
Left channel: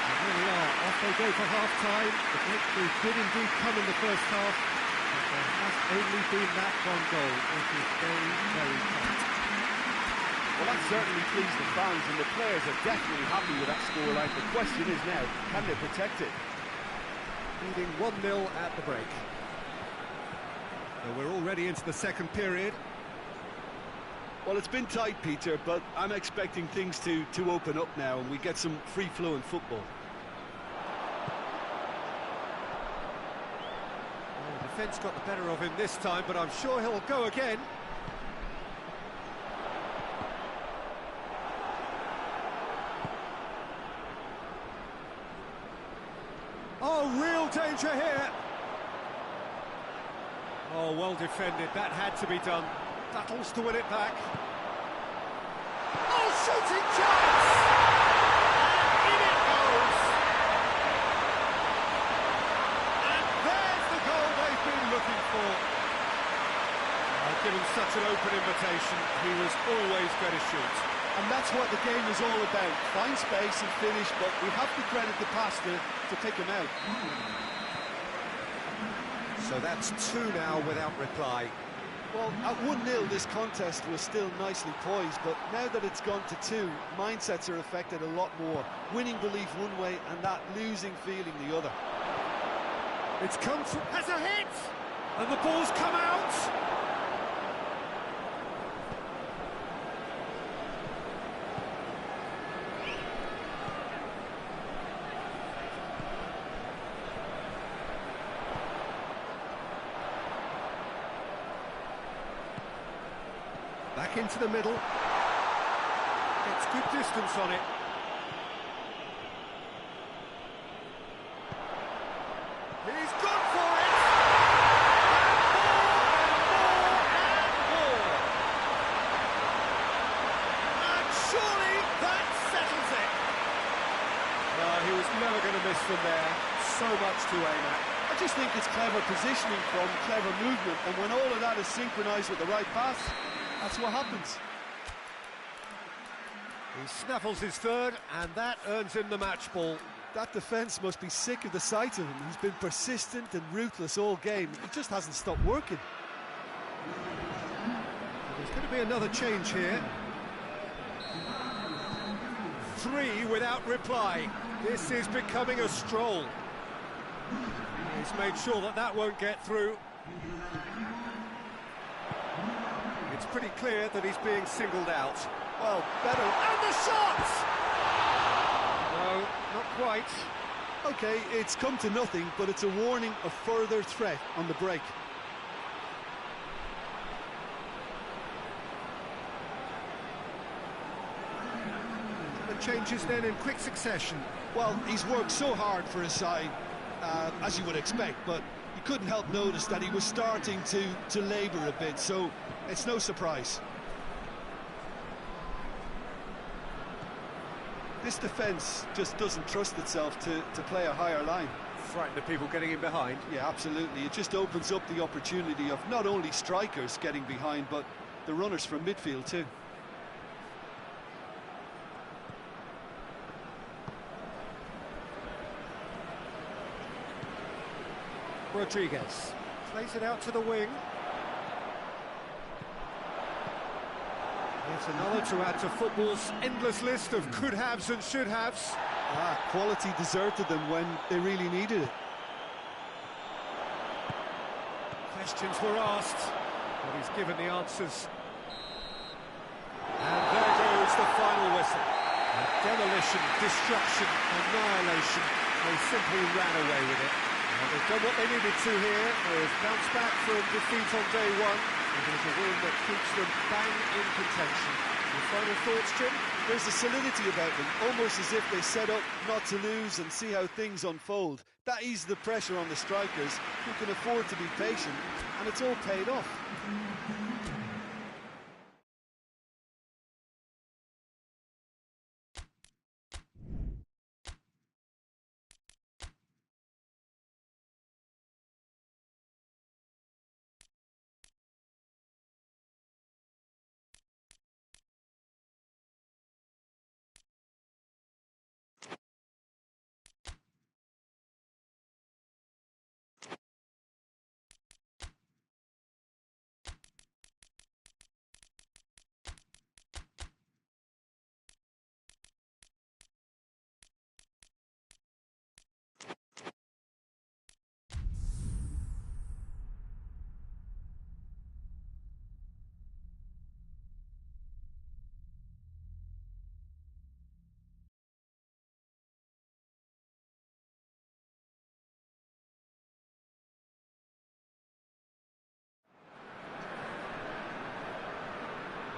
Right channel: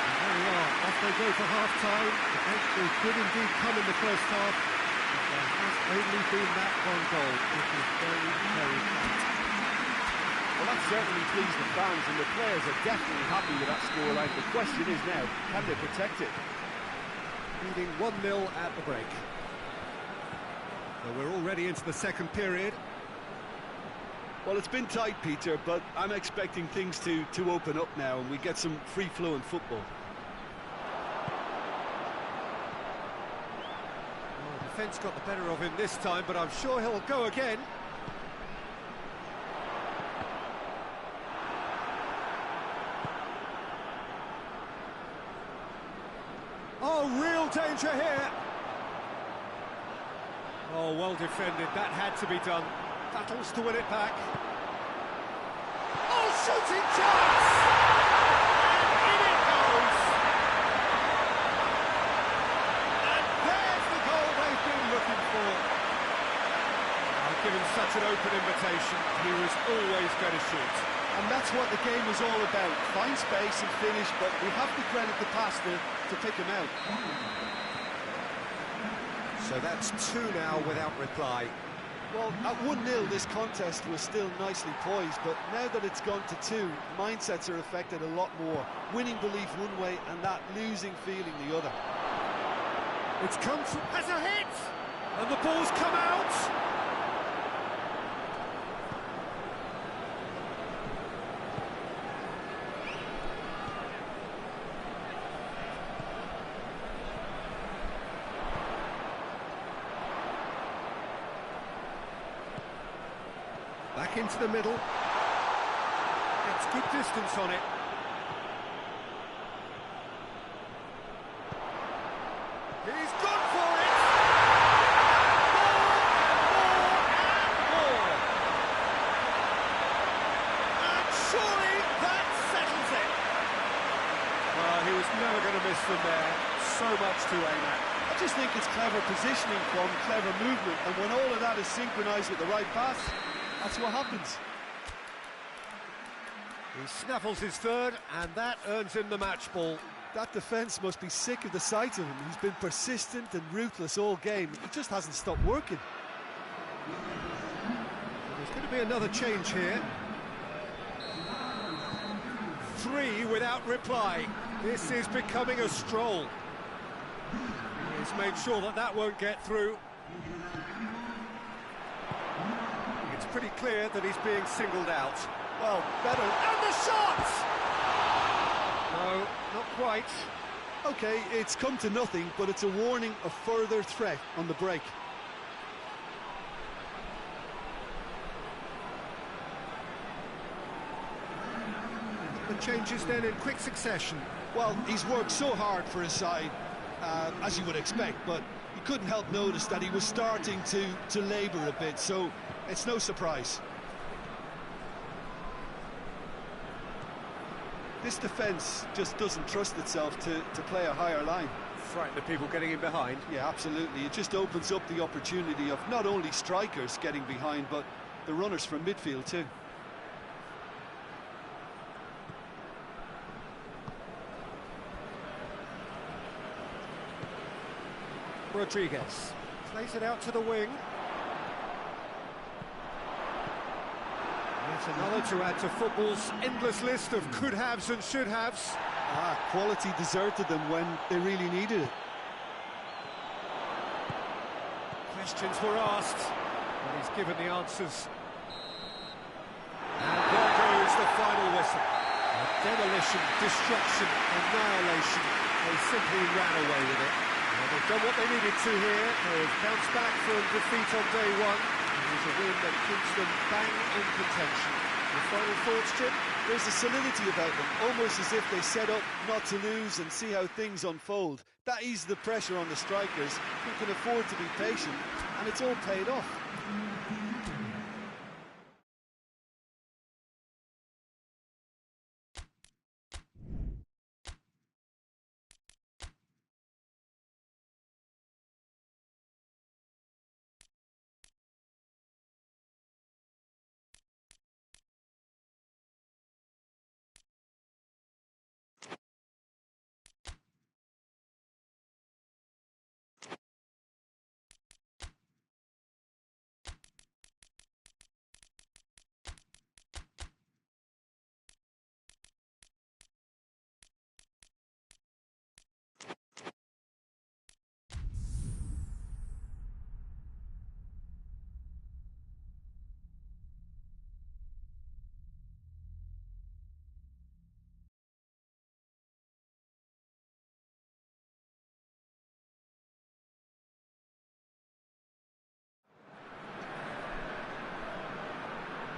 And there we are, off they go for half-time. The breakthrough did indeed come in the first half, but there has only been that one goal. It is very, very tight. Well, that certainly pleased the fans, and the players are definitely happy with that scoreline. The question is now, can they protect it? Leading 1-0 at the break. So we're already into the second period. Well, it's been tight, Peter, but I'm expecting things to open up now, and we get some free-flowing football. Well, the defence got the better of him this time, but I'm sure he'll go again. Oh, real danger here. Oh, well defended. That had to be done. Battles to win it back. Oh, shooting chance! And in it goes! And there's the goal they've been looking for. Given such an open invitation, he was always going to shoot. And that's what the game is all about. Find space and finish, but we have to credit the pass to pick him out. So that's 2 now without reply. Well, at 1-0, this contest was still nicely poised, but now that it's gone to 2, mindsets are affected a lot more. Winning belief one way and that losing feeling the other. It's come from... has a hit! And the ball's come out! Back into the middle. Gets good distance on it. He's gone for it! And more, and more! And surely that settles it! Well, he was never going to miss from there. So much to aim at. I just think it's clever positioning from clever movement, and when all of that is synchronised with the right pass, that's what happens. He snaffles his third, and that earns him the match ball. That defence must be sick of the sight of him. He's been persistent and ruthless all game. He just hasn't stopped working. There's going to be another change here. 3 without reply. This is becoming a stroll. He's made sure that that won't get through. It's pretty clear that he's being singled out. Well, better. And the shot! No, not quite. OK, it's come to nothing, but it's a warning of further threat on the break. The changes then in quick succession. Well, he's worked so hard for his side, as you would expect, but you couldn't help notice that he was starting to labour a bit, so it's no surprise. This defence just doesn't trust itself to play a higher line. Frightened of people getting in behind. Yeah, absolutely. It just opens up the opportunity of not only strikers getting behind, but the runners from midfield too. Rodriguez plays it out to the wing. Yet another to add to football's endless list of could-haves and should-haves. Quality deserted them when they really needed it. Questions were asked, but he's given the answers. And there goes the final whistle. Demolition, destruction, annihilation. They simply ran away with it. Well, they've done what they needed to here. They've bounced back from defeat on day 1. It is a win that keeps them bang in contention. Your final thoughts, Jim? There's a solidity about them, almost as if they set up not to lose and see how things unfold. That eases the pressure on the strikers, who can afford to be patient, and it's all paid off.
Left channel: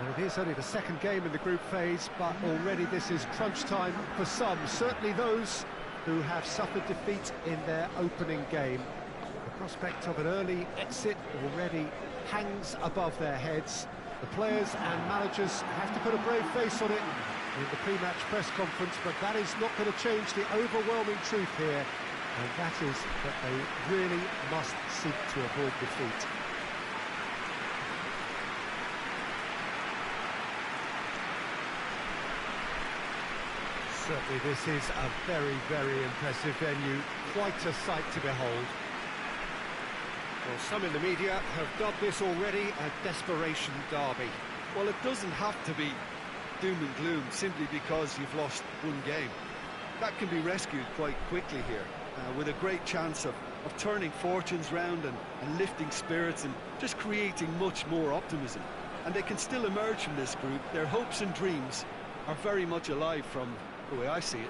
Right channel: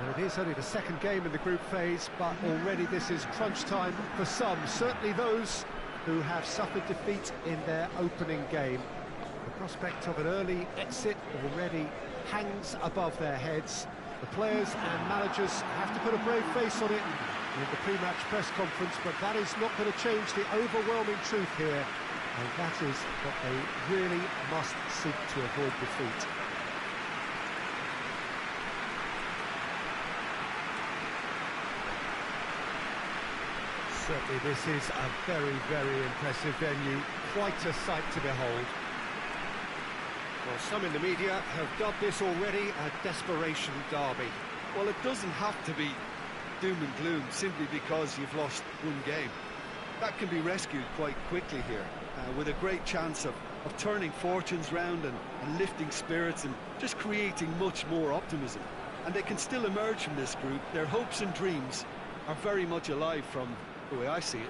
And it is only the second game in the group phase, but already this is crunch time for some, certainly those who have suffered defeat in their opening game. The prospect of an early exit already hangs above their heads. The players and managers have to put a brave face on it in the pre-match press conference, but that is not going to change the overwhelming truth here, and that is that they really must seek to avoid defeat. Certainly this is a very, very impressive venue. Quite a sight to behold. Well, some in the media have dubbed this already a desperation derby. Well, it doesn't have to be doom and gloom simply because you've lost one game. That can be rescued quite quickly here, with a great chance of turning fortunes round and lifting spirits and just creating much more optimism. And they can still emerge from this group. Their hopes and dreams are very much alive from the way I see it.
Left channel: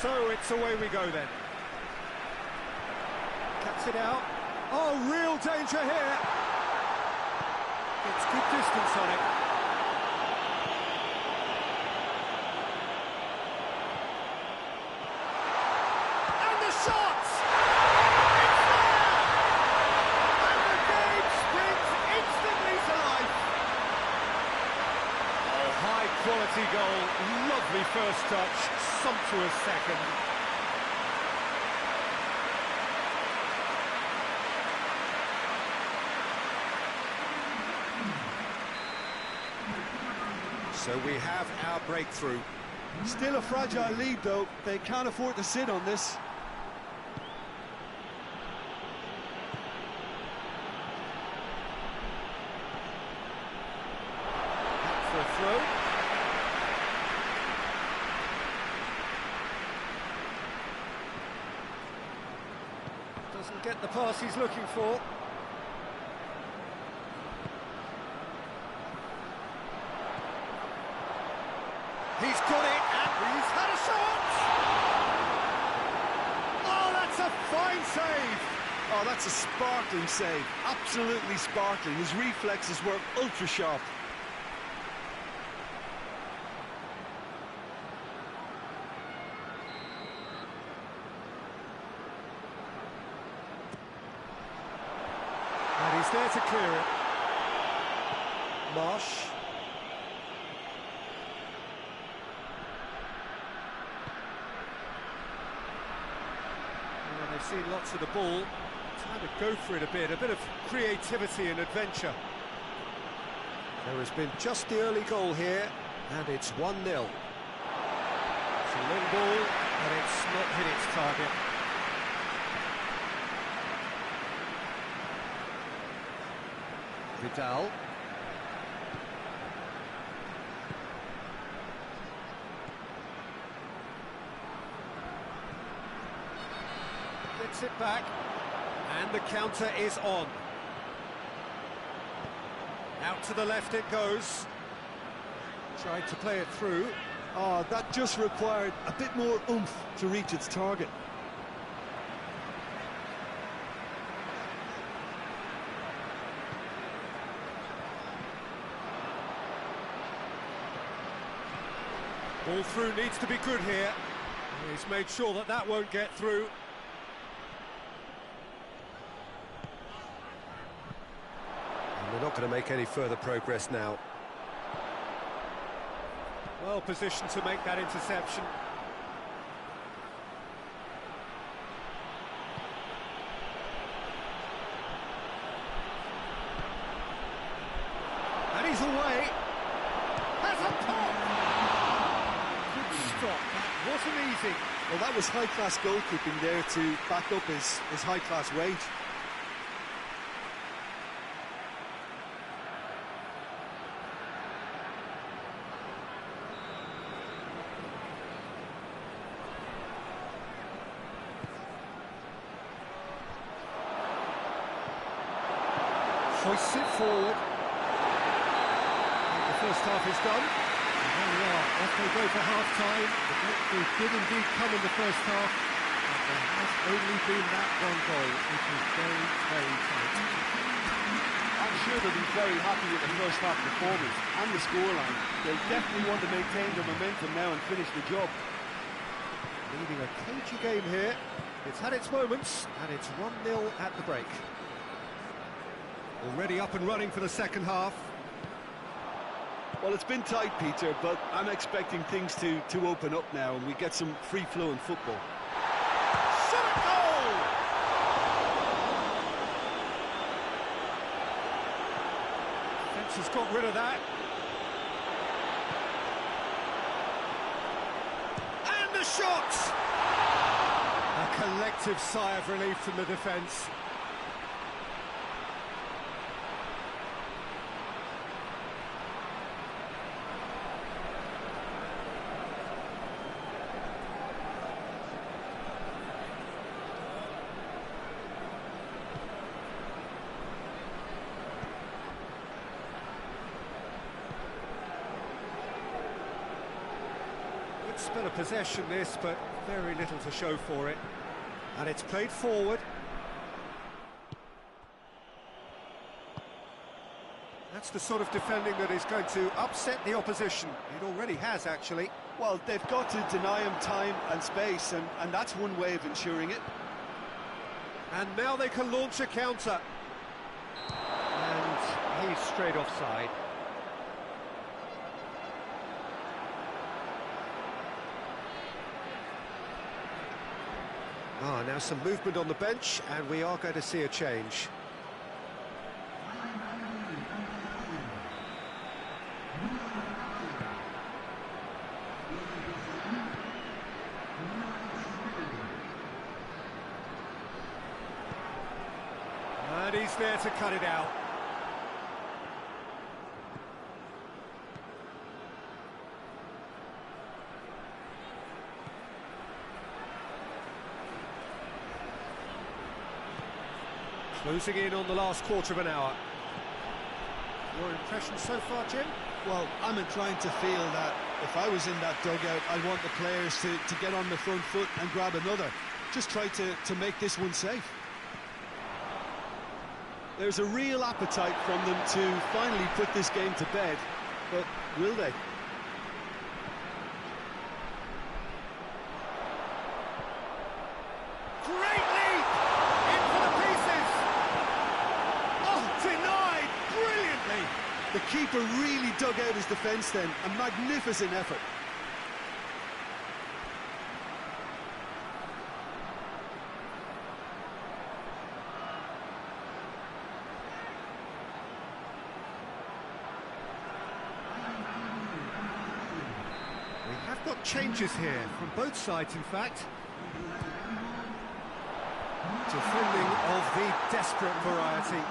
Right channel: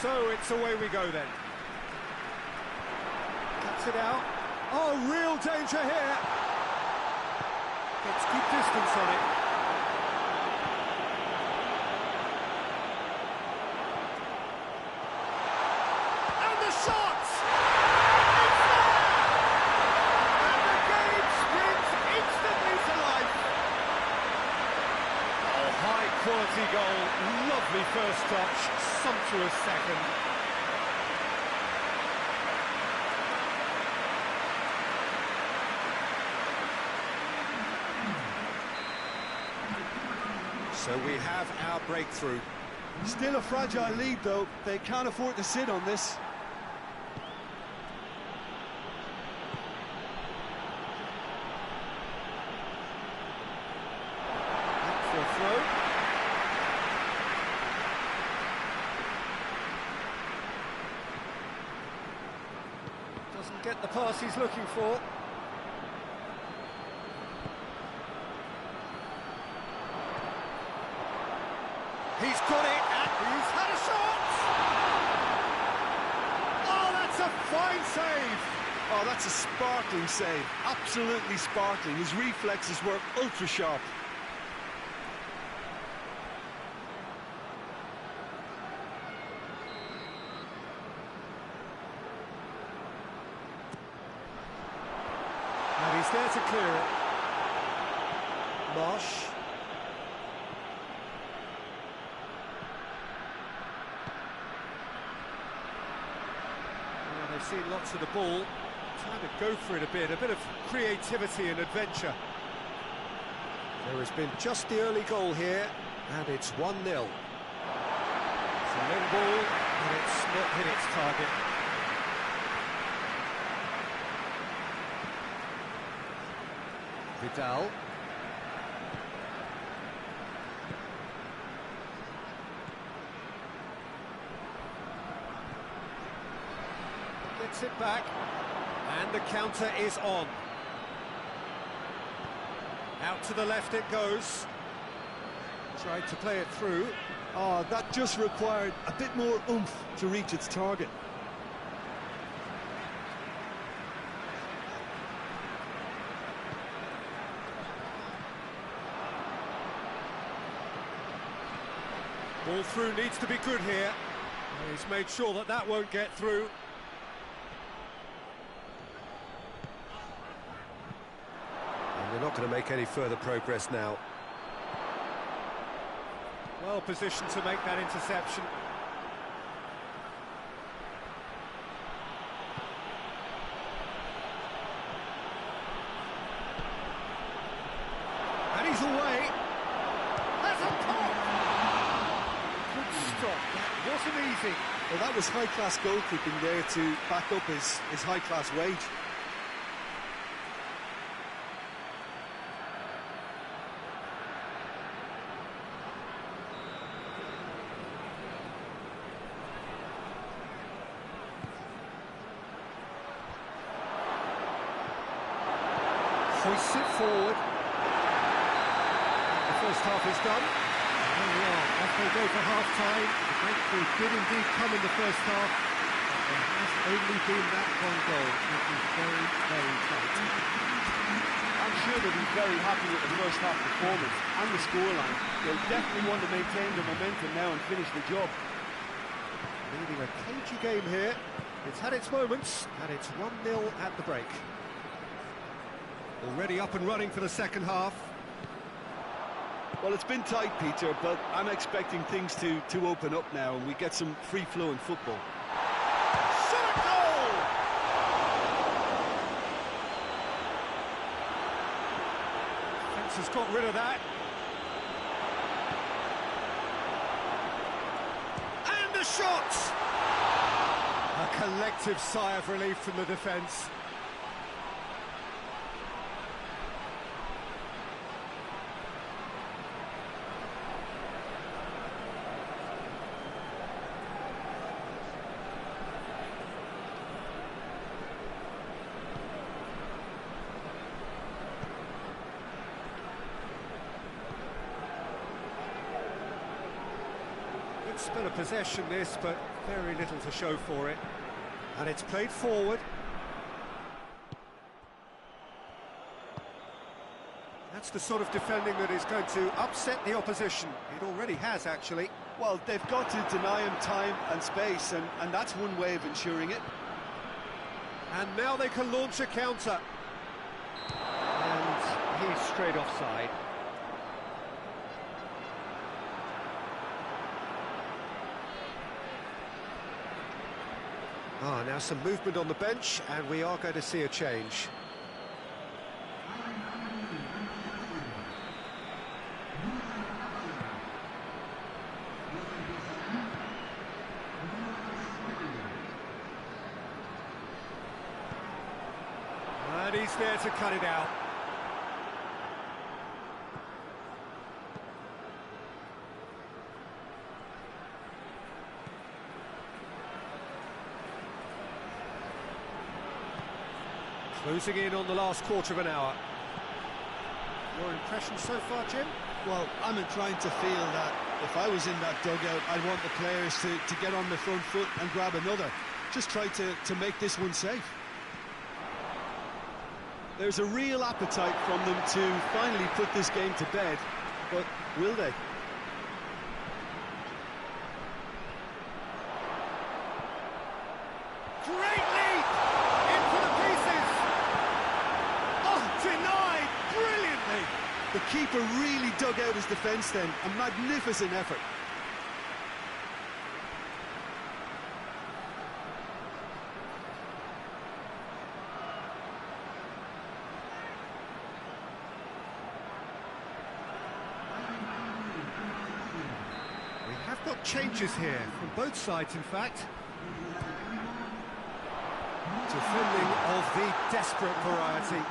So it's away we go then. Cuts it out. Oh, real danger here. Gets good distance on it. And the shot! It's there! And the game springs instantly to life. Oh, high quality goal. Lovely first touch. Sumptuous second. So we have our breakthrough. Still a fragile lead, though. They can't afford to sit on this. Back for a throw. Doesn't get the pass he's looking for. He's got it, and he's had a shot! Oh, that's a fine save! Oh, that's a sparkling save. Absolutely sparkling. His reflexes were ultra-sharp. And he's there to clear it. Marsh. They've seen lots of the ball. Time to go for it a bit of creativity and adventure. There has been just the early goal here, and it's 1-0. It's a long ball, and it's not hit its target. Vidal. Gets it back, and the counter is on. Out to the left it goes. Tried to play it through. Oh, that just required a bit more oomph to reach its target. Ball through needs to be good here. He's made sure that that won't get through. And they're not going to make any further progress now. Well positioned to make that interception. And he's away. Has a pop! Good stop, that wasn't easy. Well, that was high-class goalkeeping there to back up his high-class wage. Hoists it forward. The first half is done. And there we are, off they go for half-time. The breakthrough did indeed come in the first half, but there has only been that one goal. It was very, very tight. I'm sure they'll be very happy with the first half performance and the scoreline. They'll definitely want to maintain their momentum now and finish the job. Leading a cagey game here. It's had its moments, and it's 1-0 at the break. Already up and running for the second half. Well, it's been tight, Peter, but I'm expecting things to open up now and we get some free-flowing football. Shot a goal! defence has got rid of that. And the shot! A collective sigh of relief from the defence. Good spell of possession this, but very little to show for it. And it's played forward. That's the sort of defending that is going to upset the opposition. It already has, actually. Well, they've got to deny him time and space, and that's one way of ensuring it. And now they can launch a counter. And he's straight offside. Now some movement on the bench, and we are going to see a change. And he's there to cut it out. Closing in on the last quarter of an hour. Your impression so far, Jim? Well, I'm inclined to feel that if I was in that dugout, I'd want the players to get on the front foot and grab another. Just try to make this one safe. There's a real appetite from them to finally put this game to bed, but will they? Great leap! In for the pieces! Oh, denied brilliantly! The keeper really dug out his defence then. A magnificent effort. We have got changes here, from both sides in fact. Defending of the desperate variety.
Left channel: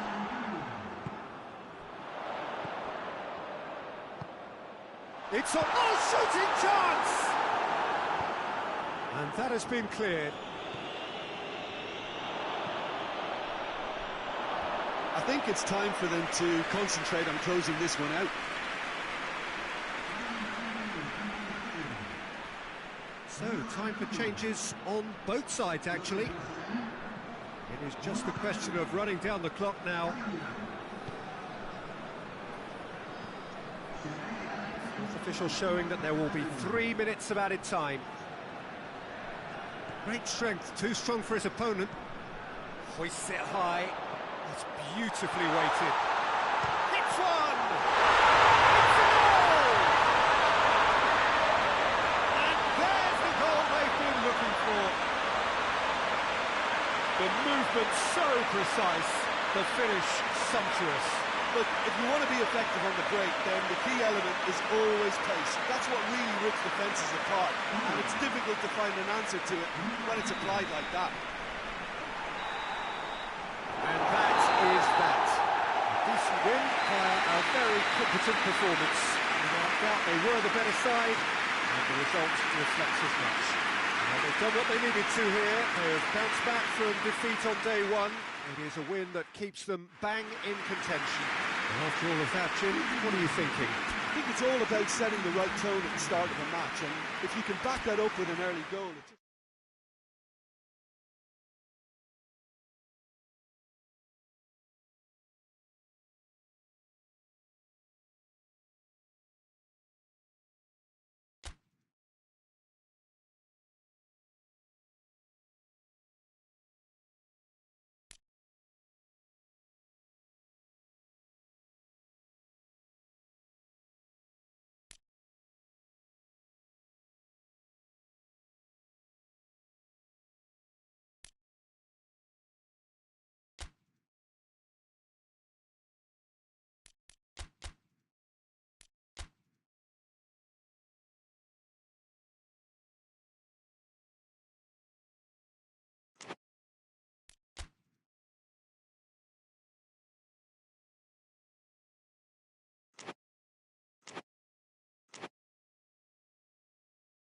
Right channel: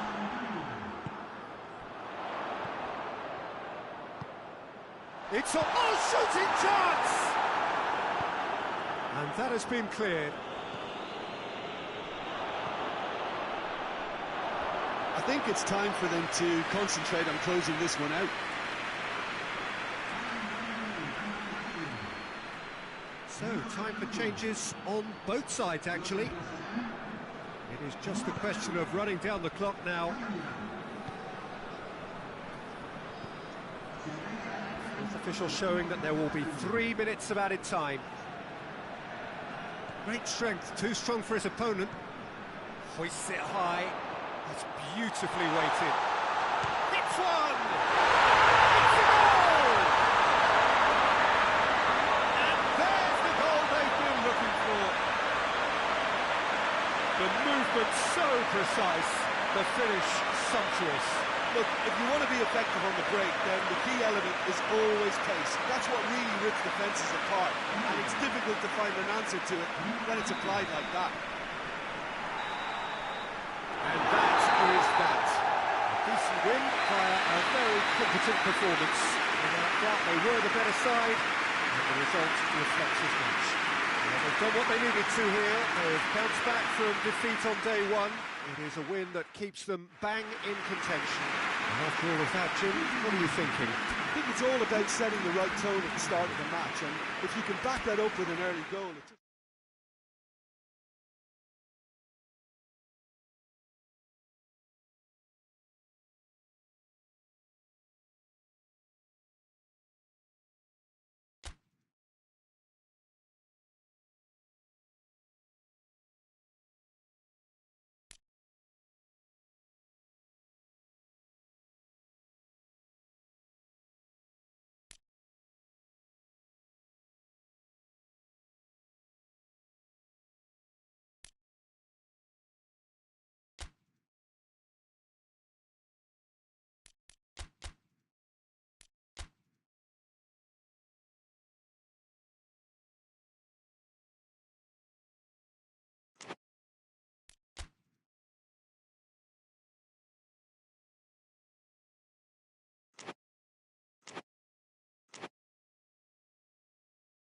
It's a shooting chance! And that has been cleared. I think it's time for them to concentrate on closing this one out. So, time for changes on both sides, actually. It is just a question of running down the clock now. Fourth official showing that there will be 3 minutes of added time. Great strength, too strong for his opponent. Hoists it high. That's beautifully weighted. Hits one! It's a goal! And there's the goal they've been looking for. The movement so precise, the finish sumptuous. Look, if you want to be effective on the break, then the key element is always pace. That's what really rips defences apart, and it's difficult to find an answer to it when it's applied like that. And that is that. A decent win via a very competent performance. Without doubt, they were the better side, and the result reflects as much. Well, they've done what they needed to here. They have bounced back from defeat on day one. It is a win that keeps them bang in contention. And after all of that, Jim, what are you thinking? I think it's all about setting the right tone at the start of a match, and if you can back that up with an early goal...